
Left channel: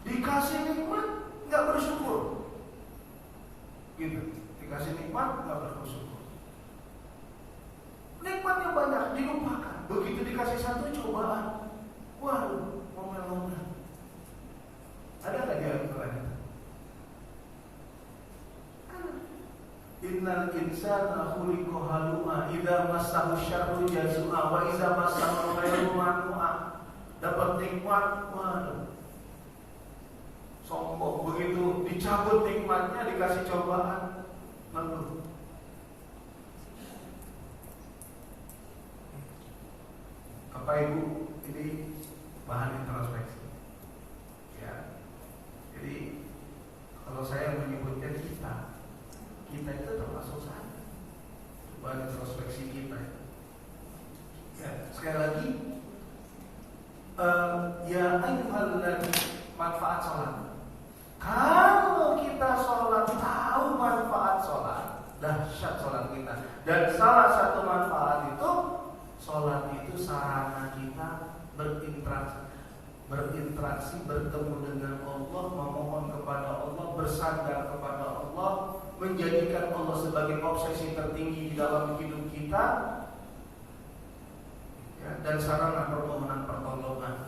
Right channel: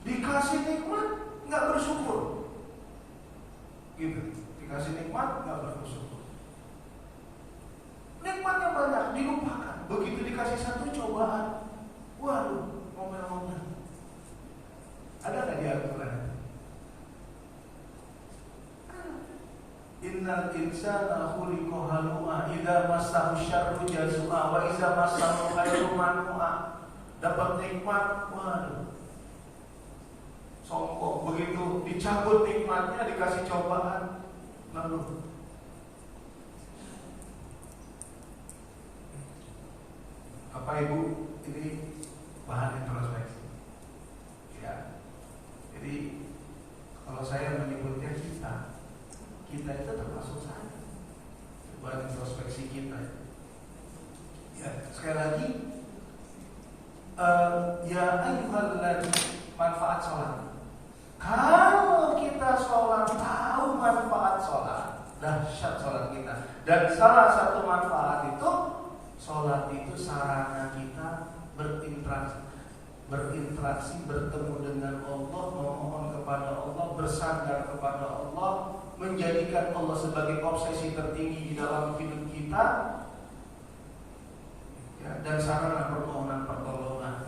Dikasih nikmat nggak bersyukur. innal insana khuliqa halu'a idza massahu syarru jazua wa idza massahu khairu manua. Dapat nikmat, waduh, sombong. Begitu dicabut nikmatnya, dikasih cobaan, mengeluh. Bapak Ibu, ini bahan introspeksi. Ya, jadi kalau saya menyebutnya kita itu termasuk saya. Bahan introspeksi kita. Ya, sekali lagi. Ya ayyuhalladzina manfaat sholat. Kalau kita sholat tahu manfaat sholat, dahsyat sholat kita. Dan salah satu manfaat itu, sholat itu sarana kita berinteraksi, bertemu dengan Allah, memohon kepada Allah, bersandar kepada Allah, menjadikan Allah sebagai obsesi tertinggi di dalam hidup kita. Ya, dan sarana permohonan pertolongan.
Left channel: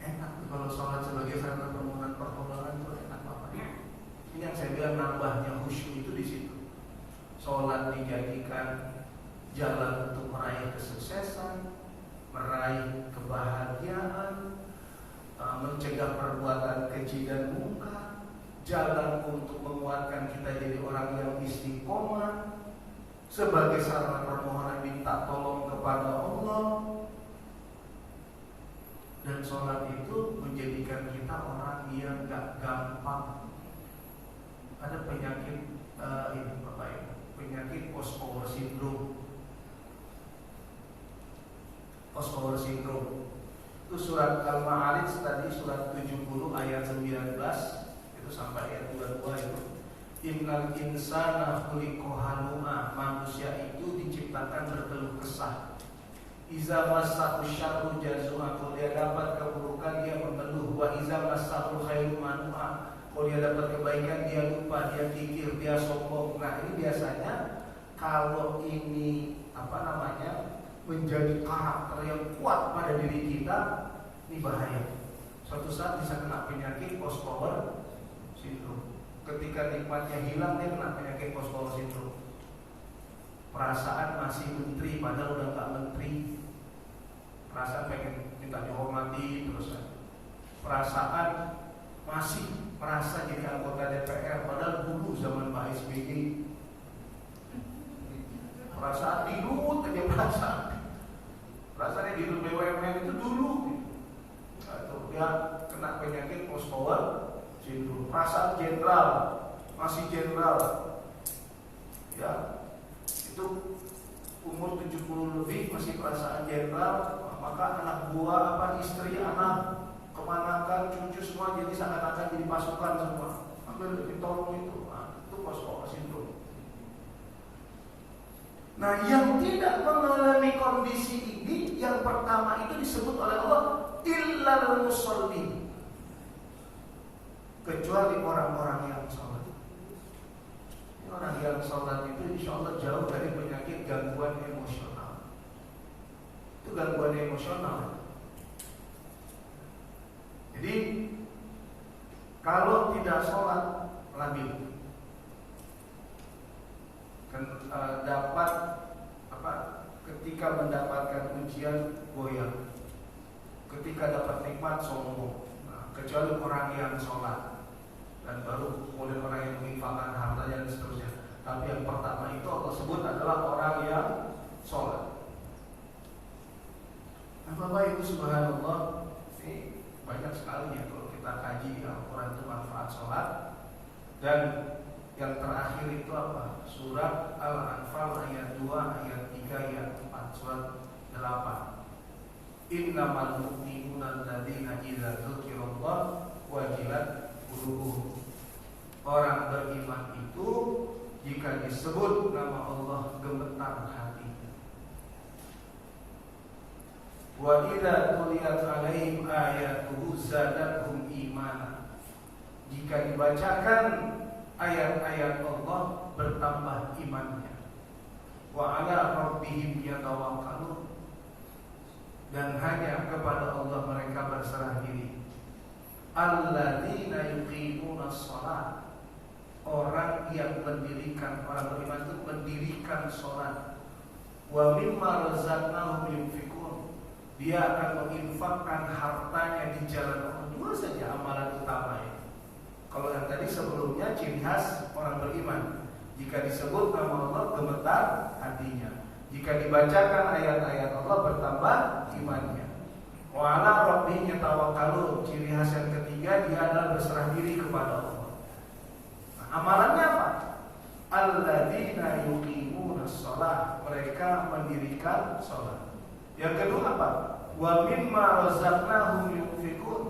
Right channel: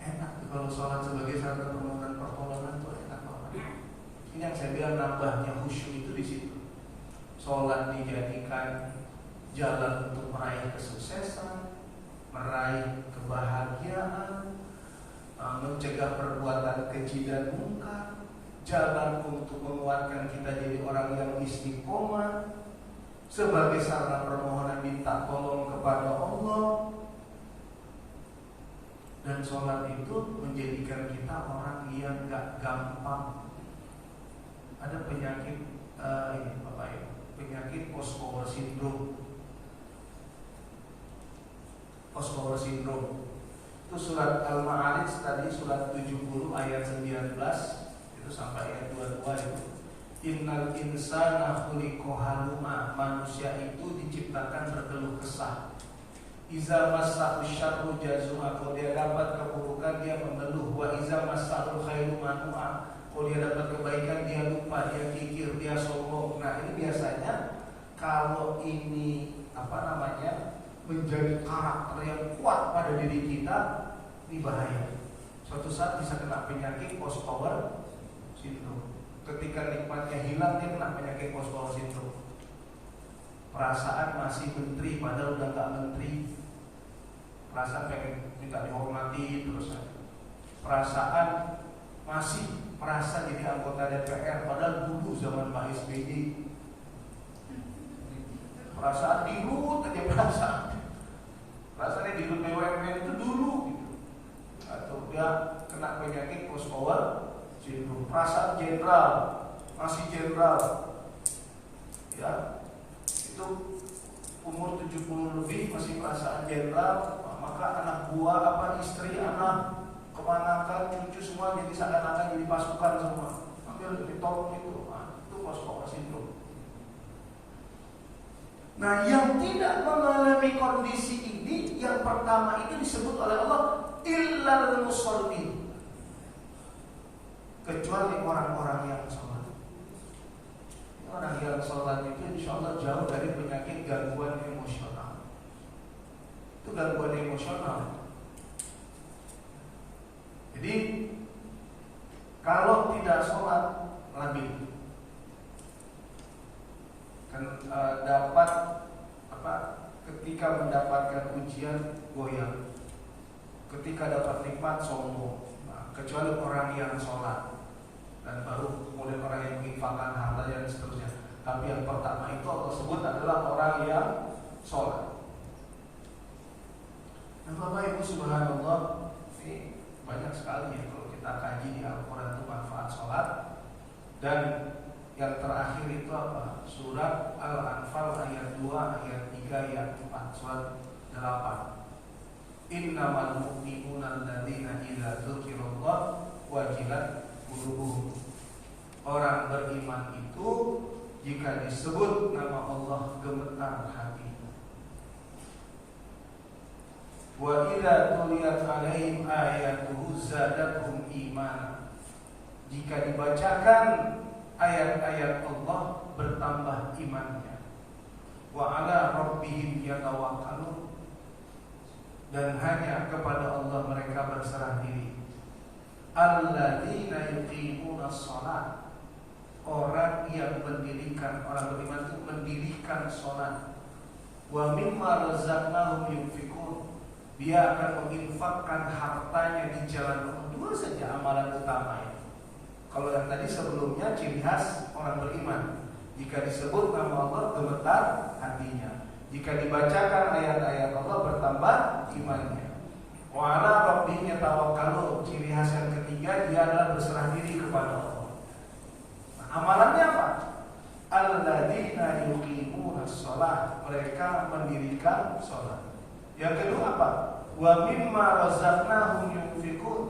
Enak kalau sholat sebagai sarana permohonan pertolongan itu enak banget. Ini yang saya bilang nambahnya khusyuk itu di situ. Sholat dijadikan jalan untuk meraih kesuksesan, meraih kebahagiaan, mencegah perbuatan keji dan mungkar, jalan untuk menguatkan kita jadi orang yang istiqomah, sebagai sarana permohonan minta tolong kepada Allah. Dan sholat itu menjadikan kita orang yang gak gampang. Ada penyakit ini Bapak Ibu, penyakit post-power syndrome. Post-power syndrome itu surat Al-Ma'arij tadi, surat 70 ayat 19 itu sampai ayat 22 itu. Innal insana khuliqa halu'a, manusia itu diciptakan berkeluh kesah. Iza massahu syarru jazua, kalau dia dapat keburukan dia mengeluh. Wa iza massahu khairu manua, kalau dia dapat kebaikan dia lupa, dia kikir, dia sombong. Nah, ini biasanya kalau ini menjadi karakter yang kuat pada diri kita, ini bahaya. Suatu saat bisa kena penyakit post-power syndrome. Ketika nikmatnya hilang, dia kena penyakit post-power syndrome. Perasaan masih menteri padahal udah gak menteri. Perasaan pengen minta dihormati terus. Perasaan masih merasa jadi anggota DPR padahal dulu zaman Pak SBY. Perasaan dirut aja perasaan. Perasaannya dirut BUMN itu dulu. Atau dia kena penyakit post-power syndrome. Perasaan jenderal, masih jenderal, ya itu umur 70 lebih masih perasaan jenderal, maka anak buah istri, anak, keponakan, cucu semua jadi seakan-akan jadi pasukan semua, ambil ditolong itu. Itu post-power syndrome. Nah, yang tidak mengalami kondisi ini, yang pertama itu disebut oleh Allah illal musallin, kecuali orang-orang yang sholat. Orang yang sholat itu insya Allah jauh dari penyakit gangguan emosional. Itu gangguan emosional. Jadi kalau tidak sholat labil, kan dapat ketika mendapatkan ujian goyang, ketika dapat nikmat sombong. Kecuali orang yang sholat, dan baru kemudian orang yang menginfakkan hartanya dan seterusnya. Tapi yang pertama itu Allah sebut adalah orang yang sholat. Nah, Bapak Ibu subhanallah, ini banyak sekali ya kalau kita kaji di Al-Quran itu manfaat sholat. Dan yang terakhir itu apa? Surat Al-Anfal ayat 2, ayat 3, ayat 4, surat 8. Innamal mu'minuna alladzina idza dzukirallah wajilat qulubuhum. Orang beriman itu jika disebut nama Allah gemetar hatinya. Wa idza tuliyat 'alaihim ayatuhu zadatuhum imana. Jika dibacakan ayat-ayat Allah bertambah imannya. Wa 'ala rabbihim yatawakkalun. Dan hanya kepada Allah mereka berserah diri. Alladzina yuqimuna shalah, orang yang mendirikan, orang beriman itu mendirikan sholat. Wa mimma razaqnahum yunfikun, dia akan menginfakkan hartanya di jalan Allah. Dua saja amalan utamanya. Kalau yang tadi sebelumnya ciri khas orang beriman, jika disebut nama Allah gemetar hatinya, jika dibacakan ayat-ayat Allah bertambah imannya. Wa ala rabbihim yatawakkalun, ciri khas yang ketiga dia adalah berserah diri kepada Allah. Nah, amalannya apa? Alladzina yuqimuna shalah, mereka mendirikan salat. Yang kedua apa? Wa mimma razaqnahum yunfikun,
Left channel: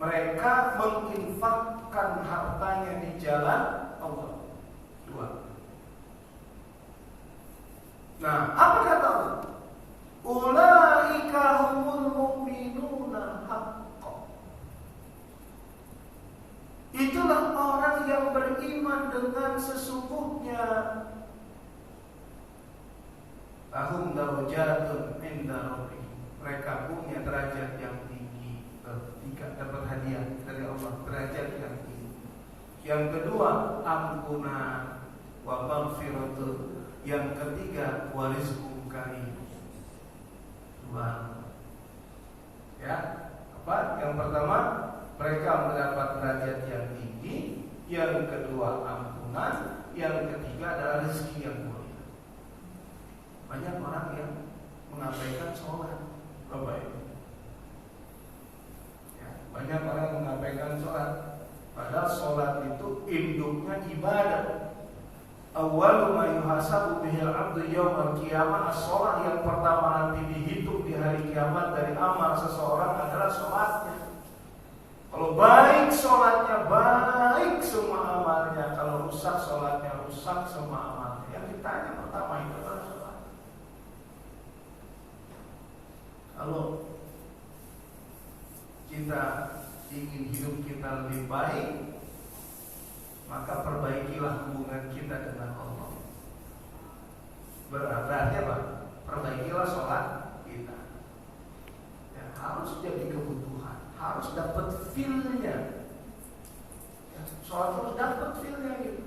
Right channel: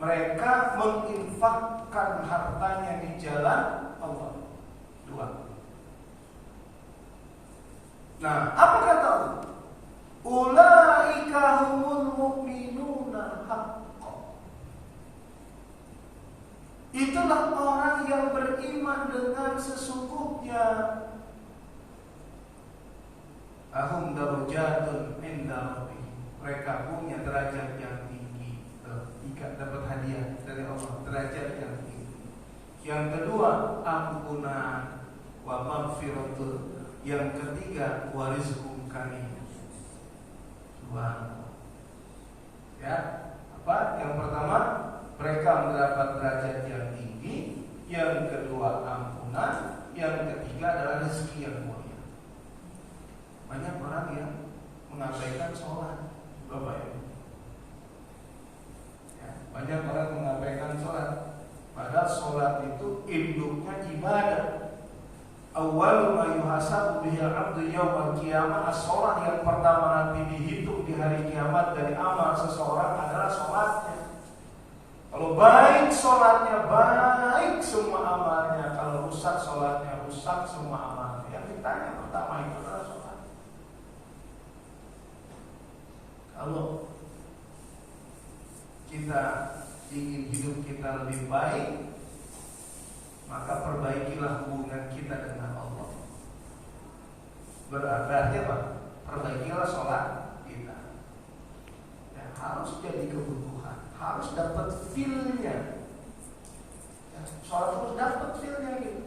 mereka menginfakkan hartanya di jalan Allah. Dua. Nah, apa kata Allah? Ulaika humul mu'minuna haqqan, itulah orang yang beriman dengan sesungguhnya. Ahum darajatun inda rabbihim, mereka punya derajat yang tinggi. Tiga, dapat hadiah dari Allah, derajat yang tinggi. Yang kedua, ampunan wa maghfiratun. Yang ketiga, wa rizqun karim. Dua. Ya, apa? Yang pertama, mereka mendapat derajat yang tinggi. Yang kedua, ampunan. Yang ketiga adalah rezeki yang mulia. Banyak orang yang mengabaikan sholat, Bapak Ibu. Ya, banyak orang mengabaikan sholat, padahal sholat itu induknya ibadah. Awwalu ma yuhasabu bihil abdu yawmal qiyamah, as-sholat, yang pertama nanti dihitung di hari kiamat dari amal seseorang adalah sholatnya. Kalau baik sholatnya, baik semua amalnya. Kalau rusak sholatnya, rusak semua amalnya. Yang ditanya pertama itu adalah sholat. Kalau kita ingin hidup kita lebih baik, maka perbaikilah hubungan kita dengan Allah. Berarti apa? Perbaikilah sholat kita. Ya, harus jadi kebutuhan, harus dapat feel-nya. Ya, sholat harus dapat feel-nya gitu.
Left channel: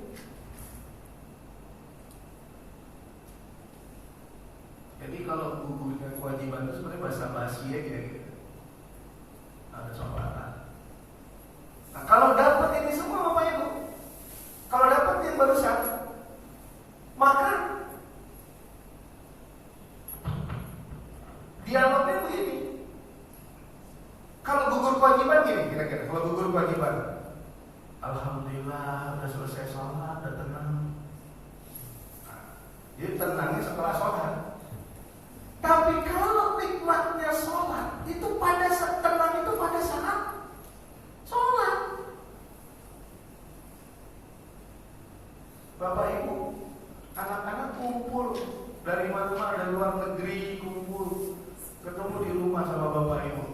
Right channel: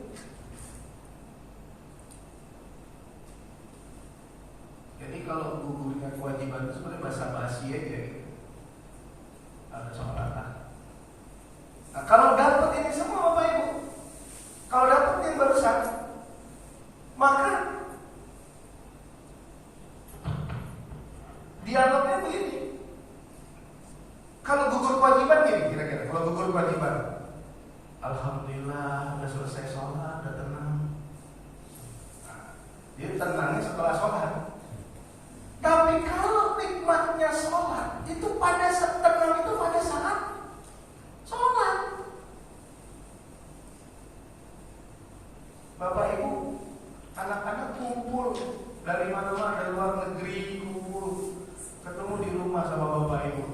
Jadi kalau gugurnya kewajiban itu sebenarnya basa-basi aja gitu. Ada sholatan. Nah, kalau dapat ini semua Bapak Ibu, kalau dapat yang barusan, maka dialognya begini. Kalau gugur kewajiban gini kira-kira. Kalau gugur kewajiban, alhamdulillah udah selesai sholat, udah tenang. Dia tenangnya setelah sholat. Tapi kalau nikmatnya sholat itu pada saat tenang, itu pada saat sholat. Bapak Ibu, anak-anak kumpul dari mana-mana, dari luar negeri kumpul, ketemu di rumah sama Bapak Ibu.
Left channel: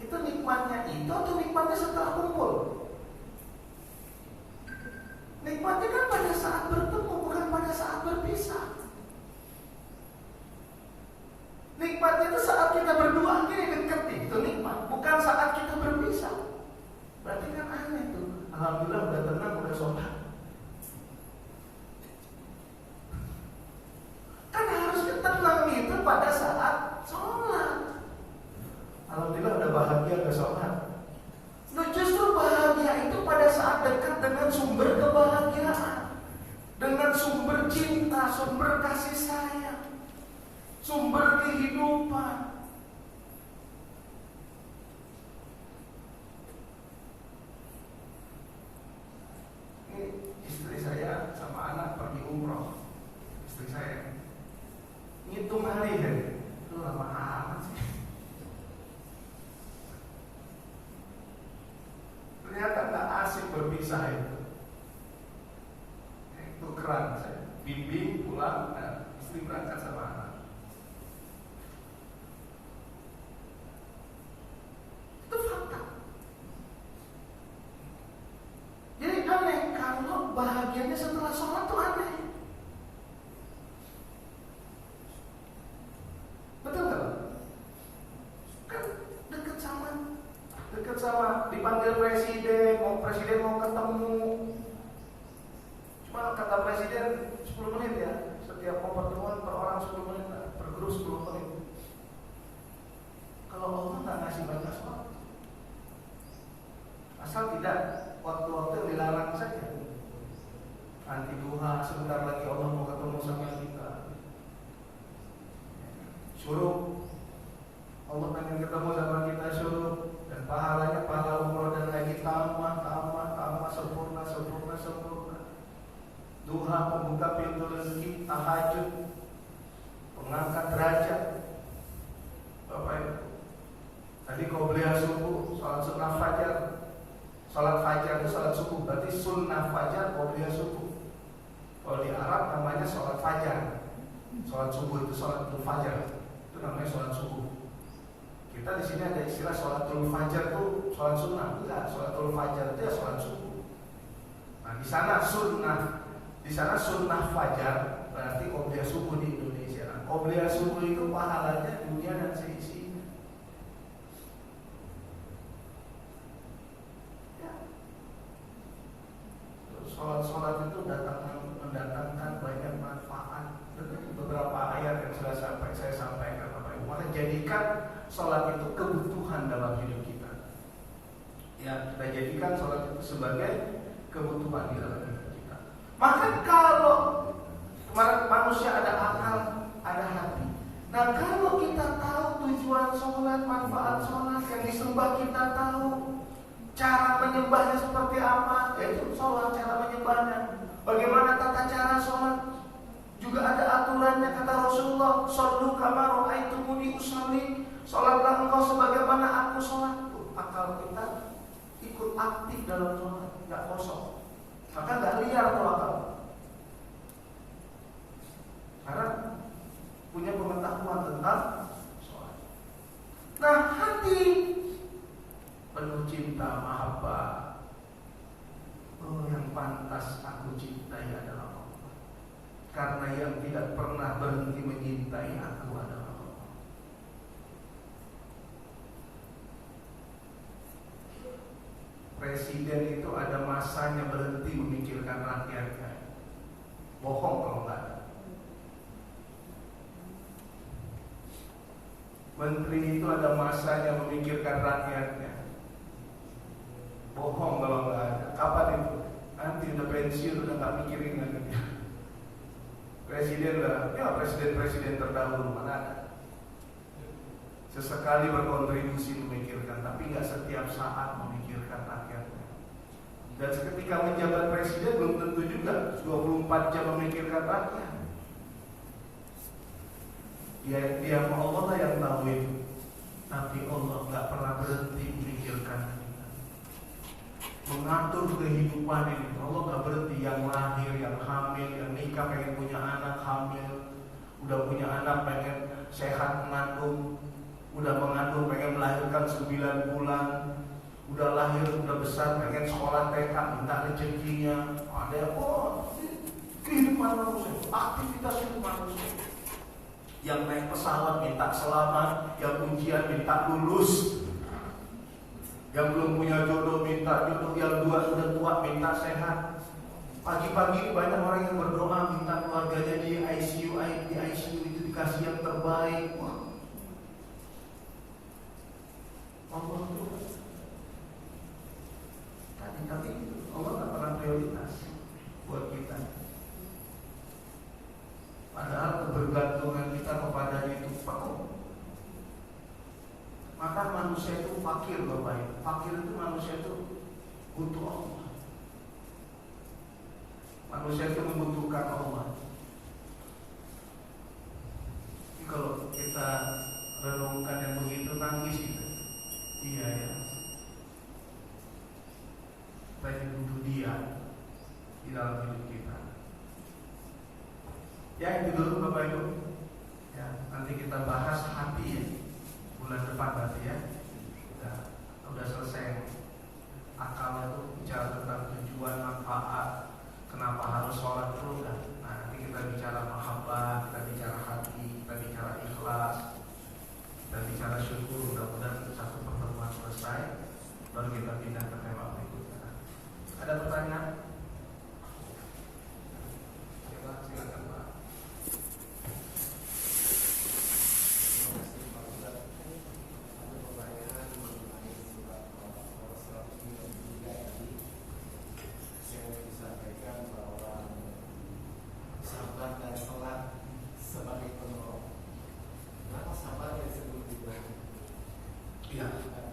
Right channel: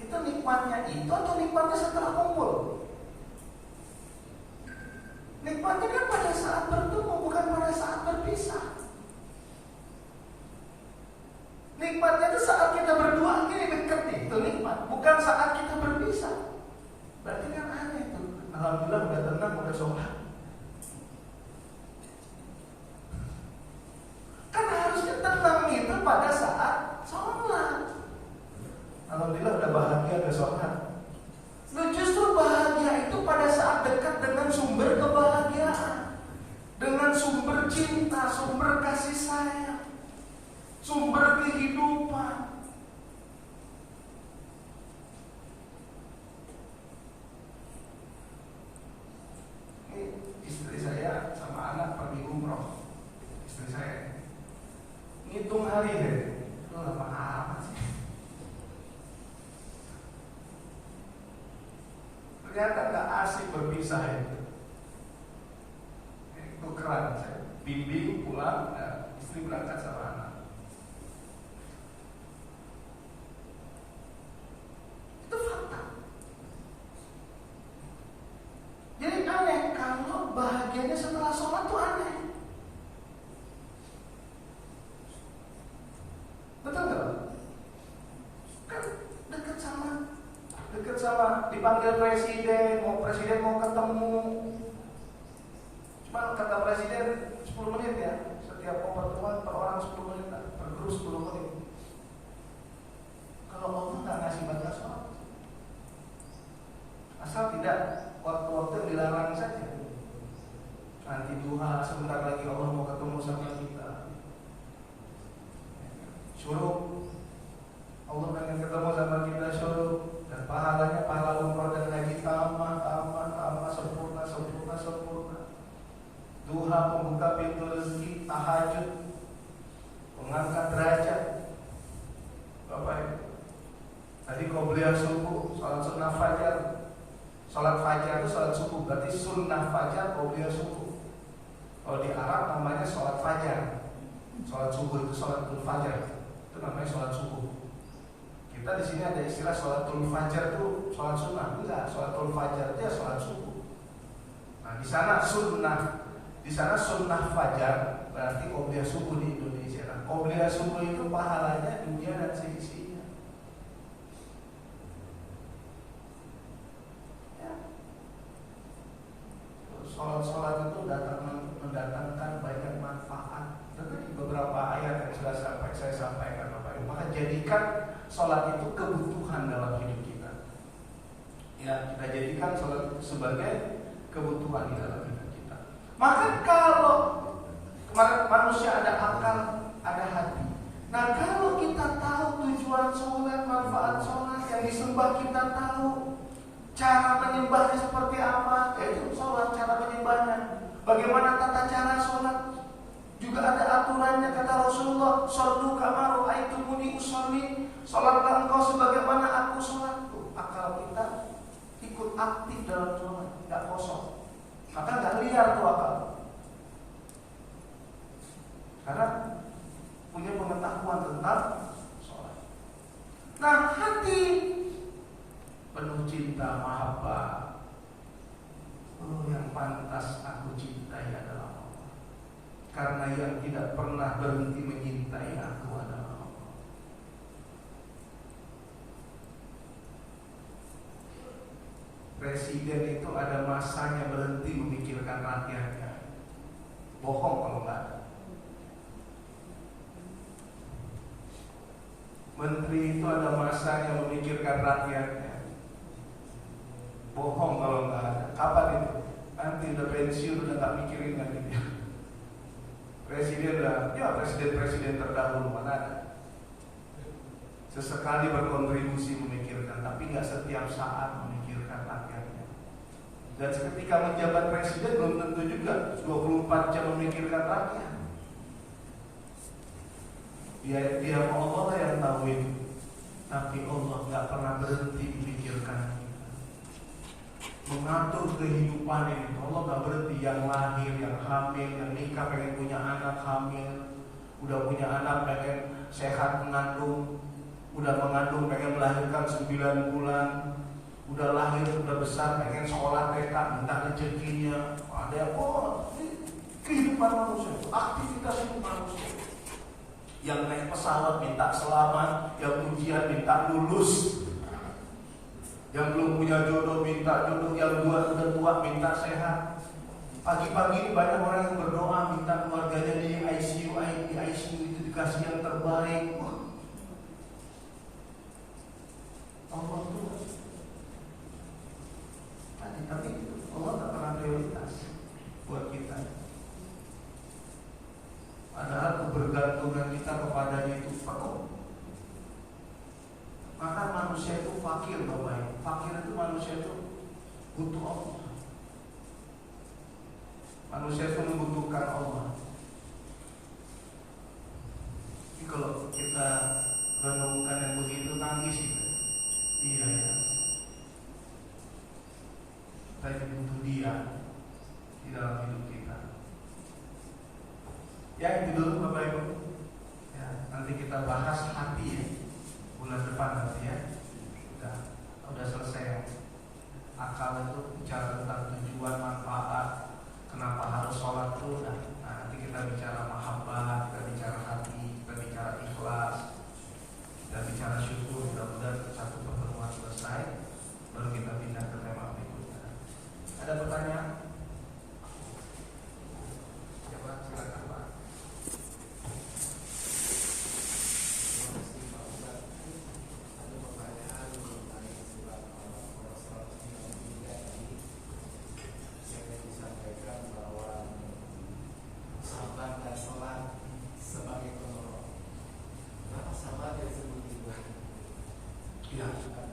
Itu nikmatnya itu atau nikmatnya setelah kumpul? Nikmatnya kan pada saat bertemu, bukan pada saat berpisah. Nikmatnya itu saat kita berdua gini dekat, itu nikmat, bukan saat kita berpisah. Berarti kan aneh itu. Alhamdulillah udah tenang, udah sholat. Kan harusnya tenang itu pada saat sholat. Alhamdulillah udah bahagia, udah sholat. Lu justru bahagia itu pada saat dekat dengan sumber kebahagiaan, dengan sumber cinta, sumber kasih sayang, sumber kehidupan. Ini istri saya sama anak pergi umroh. Istri saya ngitung hari deh, itu lama amat sih. Ternyata nggak asik berpisah itu. Itu keren saya. Bimbing pulang, istri berangkat sama anak. Itu fakta. Jadi aneh kalau bahagianya setelah sholat tuh aneh. Betul nggak? Kan dekat sama dipanggil presiden mau ketemu, kata presiden 10 menit ya, setiap pertemuan per orang 10 menit, per grup 10 menit. Kalau Allah nggak ngasih banyak sholat, asal tidak waktu-waktu yang dilarang saja. Nanti duha, sebentar lagi Allah mau ketemu sama kita. Suruh Allah pengen ketemu sama kita, suruh. Dan pahalanya pahala umroh dan haji tambah sempurna. Duha pembuka pintu rezeki, tahajud pengangkat derajat. Bapak Ibu, tadi qobliyah subuh, salat sunnah fajar. Salat fajar itu salat subuh, berarti sunnah fajar qobliyah subuh. Kalau di Arab namanya salat fajar. Salat subuh itu salatul fajar, itu namanya salat subuh. Kita di sini ada istilah sholatul fajar itu sholat sunnah, enggak, sholatul fajar itu ya sholat subuh. Nah di sana sunnah fajar berarti qobliyah subuh di Indonesia. Nah, qobliyah subuh itu pahalanya dunia dan seisinya. Ya. Sholat itu mendatangkan banyak manfaat. Dan beberapa ayat yang sudah saya sampaikan, Bapak Ibu. Maka jadikan sholat itu kebutuhan dalam hidup kita. Ya, kita jadikan sholat itu sebagai kebutuhan di dalam hidup kita. Maka kalau manusia ada akal, ada hati. Nah, kalau kita tahu tujuan sholat, manfaat sholat, yang disembah kita tahu, cara menyembahnya seperti apa, yaitu sholat, cara menyembahnya. Bagaimana tata cara sholat? Juga ada aturannya, kata Rasulullah, "Shollu kama ra'aitumuni usolli." Sholatlah engkau sebagaimana aku sholat. Tuh, akal kita ikut aktif dalam sholat, nggak kosong. Maka nggak liar tuh akal. Karena punya pengetahuan tentang sholat. Nah, hati penuh cinta, mahabbah. Oh, yang pantas aku cintai adalah Allah. Karena yang tidak pernah berhenti menyintai aku adalah Allah. Presiden itu ada masanya berhenti memikirkan rakyatnya. Bohong kalau nggak ada. Menteri itu ada masanya memikirkan rakyatnya. Bohong kalau nggak ada. Kapan itu? Nanti udah pensiun udah nggak mikirin lagi dia. Presiden lah, ya presiden terdahulu mana ada. Sesekali berkontribusi memikirkan, tapi nggak setiap saat memikirkan rakyatnya. Dan ketika menjabat presiden belum tentu juga 24 jam memikirkan rakyat. Dia Allah lah yang tahu itu. Tapi Allah nggak pernah berhenti memikirkan kita, mengatur kehidupan ini. Allah nggak berhenti, yang lahir, yang hamil, yang nikah pengen punya anak, hamil, udah punya anak pengen sehat mengandung, udah mengandung pengen melahirkan 9 bulan, udah lahir, udah besar pengen sekolah TK, minta rezekinya. Ada yang kehidupan manusia, aktivitas hidup manusia. Yang naik pesawat minta selamat, yang ujian minta lulus, yang belum punya jodoh minta jodoh, yang udah tua minta sehat. Pagi-pagi banyak orang yang berdoa minta keluarganya di ICU itu dikasih yang terbaik. Allah tuh tapi Allah nggak pernah prioritas buat kita. Padahal kebergantungan kita kepadanya itu penuh. Maka manusia itu fakir, Bapak Ibu. Fakir itu manusia itu butuh Allah. Manusia itu membutuhkan Allah. Jadi kalau kita renungkan yang begitu, tangis kita. Iya ya. Kita butuh Dia di dalam hidup kita. Ya itu dulu Bapak Ibu. Ya, nanti kita bahas hati ya. Bulan depan nanti ya. Udah selesai. Akal itu bicara tentang tujuan, manfaat, kenapa harus sholat itu. Nah, nanti kita bicara mahabbah, kita bicara hati, kita bicara ikhlas, kita bicara syukur. Mudah-mudahan satu pertemuan selesai, baru kita pindah ke tema berikutnya. Ada pertanyaan? Iya, bukan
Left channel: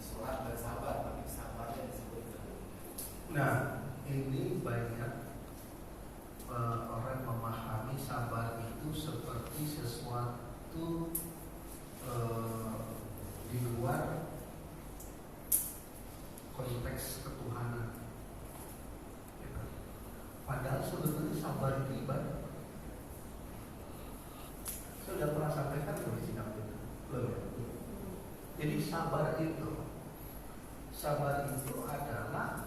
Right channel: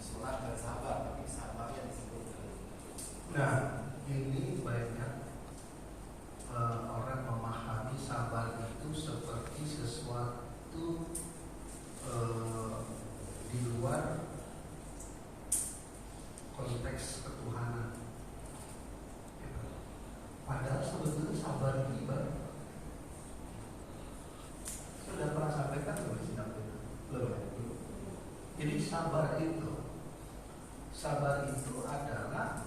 sholat dan sabar, tapi sabarnya disebut. Nah, ini banyak orang memahami sabar itu seperti sesuatu di luar konteks ketuhanan. Padahal sebetulnya sabar itu ibadah. Sudah pernah sampaikan belum di sini? Belum. Jadi sabar itu adalah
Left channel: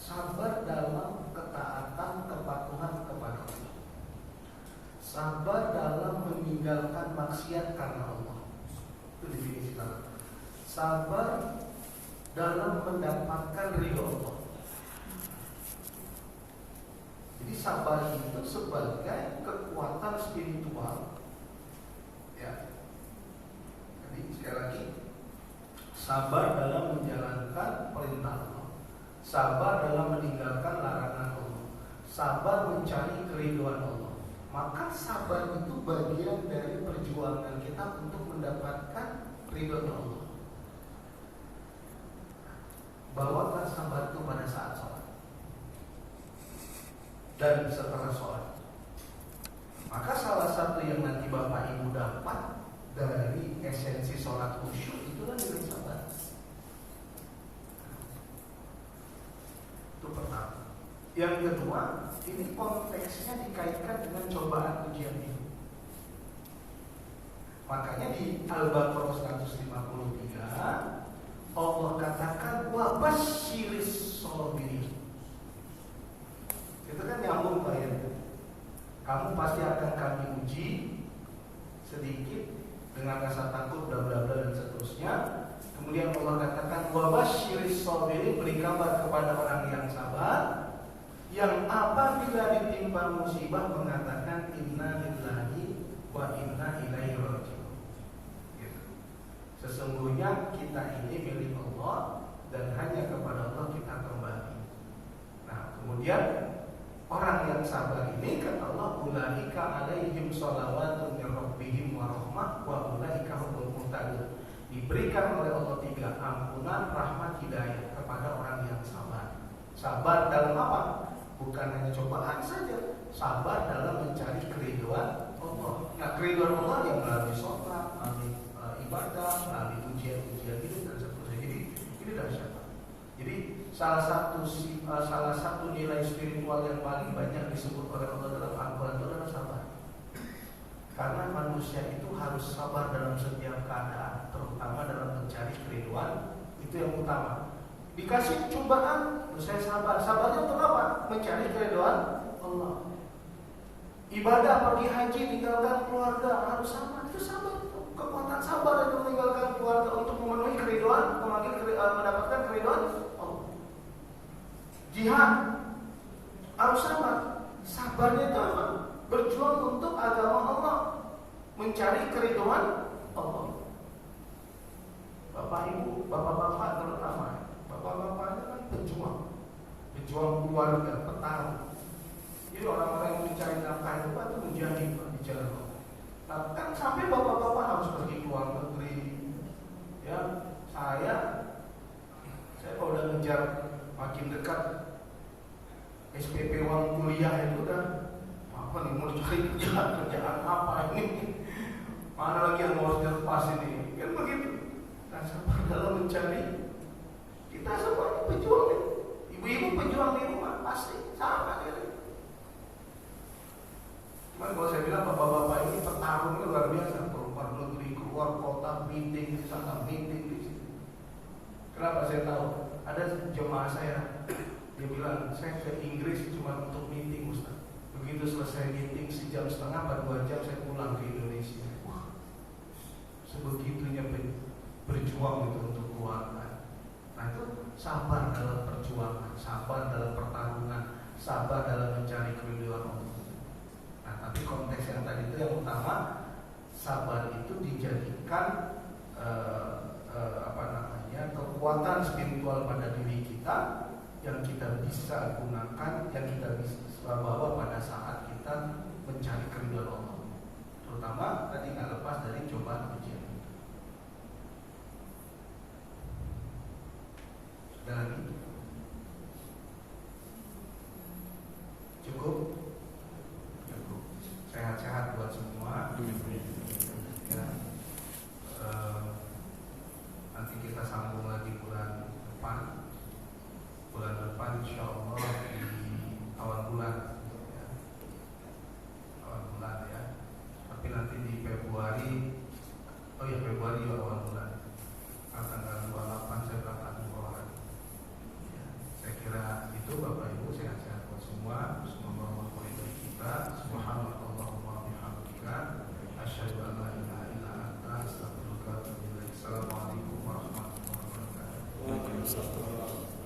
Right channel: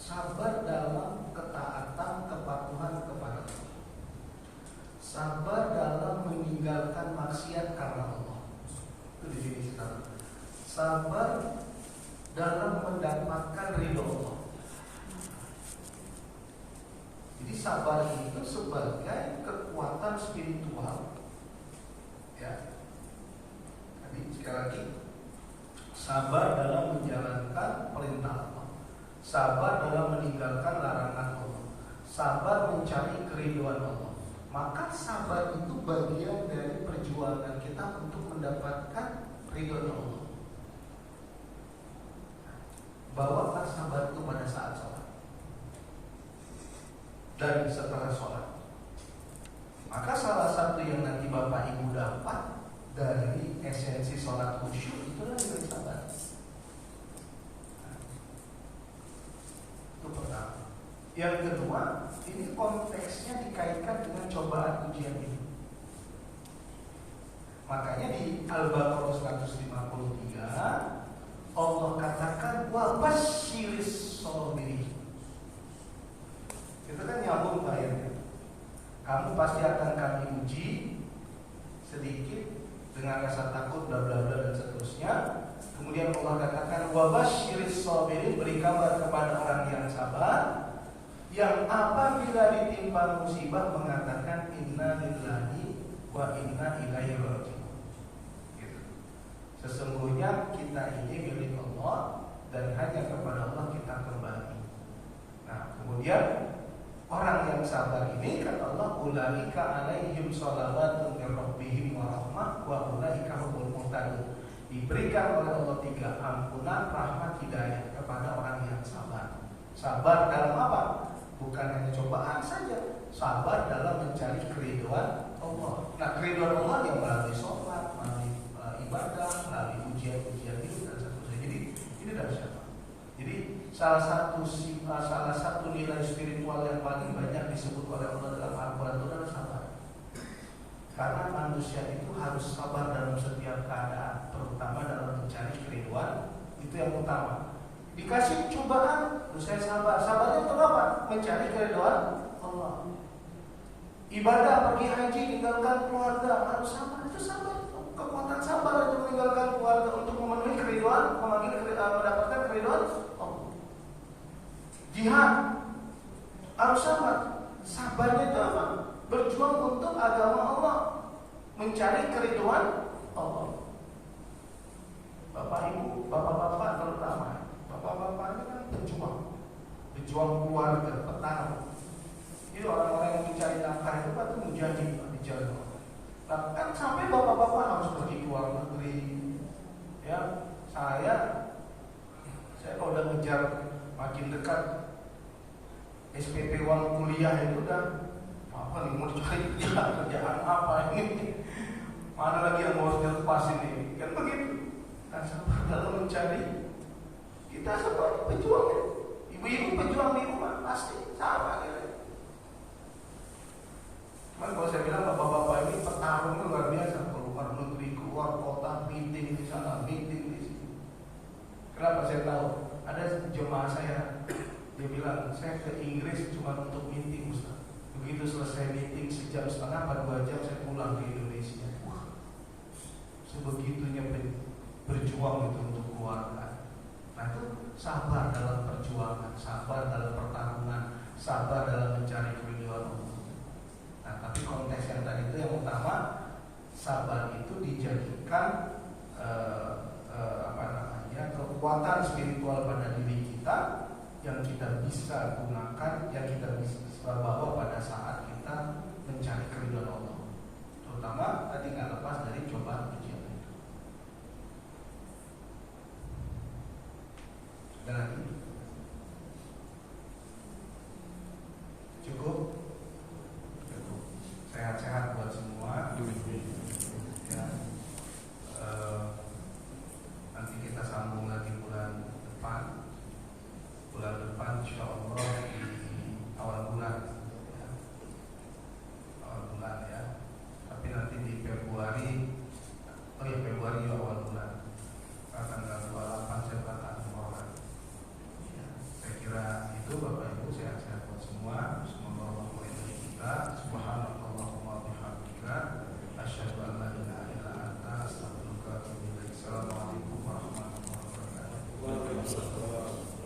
sabar dalam ketaatan kepatuhan kepada Allah. Sabar dalam meninggalkan maksiat karena Allah. Itu di sini sekarang. Sabar dalam mendapatkan ridho Allah. Jadi sabar itu sebagai kekuatan spiritual. Ya. Jadi sekali lagi, sabar dalam menjalankan perintah Allah, sabar dalam meninggalkan larangan Allah, sabar mencari keridhaan Allah. Maka sabar itu bagian dari perjuangan kita untuk mendapatkan ridho Allah. Bawakan sabar itu pada saat sholat dan setelah sholat. Maka salah satu yang nanti Bapak Ibu dapat dari esensi sholat khusyuk itu adalah dengan sabar. Itu pertama. Yang kedua, ini konteksnya dikaitkan dengan cobaan ujian ini. Makanya di Al-Baqarah 153 Allah katakan wa basyiris sabirin. Itu kan nyambung ayatnya. Kamu pasti akan kami uji sedikit dengan rasa takut, bla bla bla dan seterusnya. Kemudian Allah katakan wa basyiris sabirin, beri kabar kepada orang yang sabar, yang apabila ditimpa musibah mengatakan inna lillahi wa inna ilaihi raji'un. Sesungguhnya kita ini milik Allah dan hanya kepada Allah kita kembali. Nah, kemudian orang yang sabar ini kata Allah, ulaika alaihim shalawatun min rabbihim wa rahmah wa ulaika humul muhtadun. Diberikan oleh Allah 3 ampunan, rahmat, hidayah kepada orang yang sabar. Sabar dalam apa? Bukan hanya cobaan saja, sabar dalam mencari keridhaan Allah. Nah, keridhaan Allah yang melalui sholat, melalui ibadah, melalui ujian-ujian itu dan seterusnya. Jadi ini dari siapa? Jadi salah satu nilai spiritual yang paling banyak disebut oleh Allah dalam Al-Quran itu adalah sabar. Karena manusia itu harus sabar dalam setiap keadaan, terutama dalam mencari keridhaan. Itu yang utama. Dikasih cobaan, saya sabar. Sabarnya untuk apa? Mencari keridhaan Allah. Ibadah, pergi haji, tinggalkan keluarga, harus sabar. Itu sabar. Kekuatan sabar untuk meninggalkan keluarga untuk memenuhi keridhaan, mendapatkan keridhaan Allah. Jihad harus sabar. Sabarnya itu apa? Berjuang untuk agama Allah, mencari keridhaan Allah. Bapak Ibu, bapak-bapak terutama, bapak-bapak itu kan pejuang keluarga, petarung. Jadi orang-orang yang mencari nafkah itu kan menjadi di jalan Allah. Bahkan sampai bapak-bapak harus pergi ke luar negeri. Ya, saya kalau udah ngejar makin dekat SPP uang kuliah itu kan apa nih, mau cari kerjaan apa ini? Mana lagi yang mau lepas ini? Kan begitu. Dan sabar dalam mencari, kita semua pejuang ya. Ibu-ibu pejuang di rumah pasti sabar ya. Cuman kalau saya bilang bapak-bapak ini petarung itu luar biasa. Keluar negeri, keluar kota, meeting di sana, meeting di sini. Kenapa saya tahu? Ada jemaah saya, dia bilang saya ke Inggris cuma untuk meeting Ustaz. Begitu selesai meeting sejam setengah atau 2 jam saya pulang ke Indonesia. Wah, sebegitunya berjuang itu untuk keluarga. Nah itu sabar dalam perjuangan, sabar dalam pertarungan, sabar dalam mencari keridhaan Allah. Nah tapi konteks yang tadi itu yang utama, sabar itu dijadikan kekuatan spiritual pada diri kita yang kita bisa gunakan, yang kita bisa bawa pada saat kita mencari keridhaan Allah, terutama sehat-sehat buat semua. Ya. Nanti kita sambung lagi bulan depan insya Allah di awal bulan ya. Awal bulan ya. Tapi nanti di Februari awal bulan tanggal 28 saya berangkat umroh. Ya, saya kira itu Bapak Ibu sehat-sehat buat semua. Semoga Allah melindungi kita. Subhanallahumma wa bihamdika asyhadu an la ilaha illa anta astaghfiruka wa atubu ilaik. Assalamualaikum warahmatullahi wabarakatuh. Waalaikumsalam.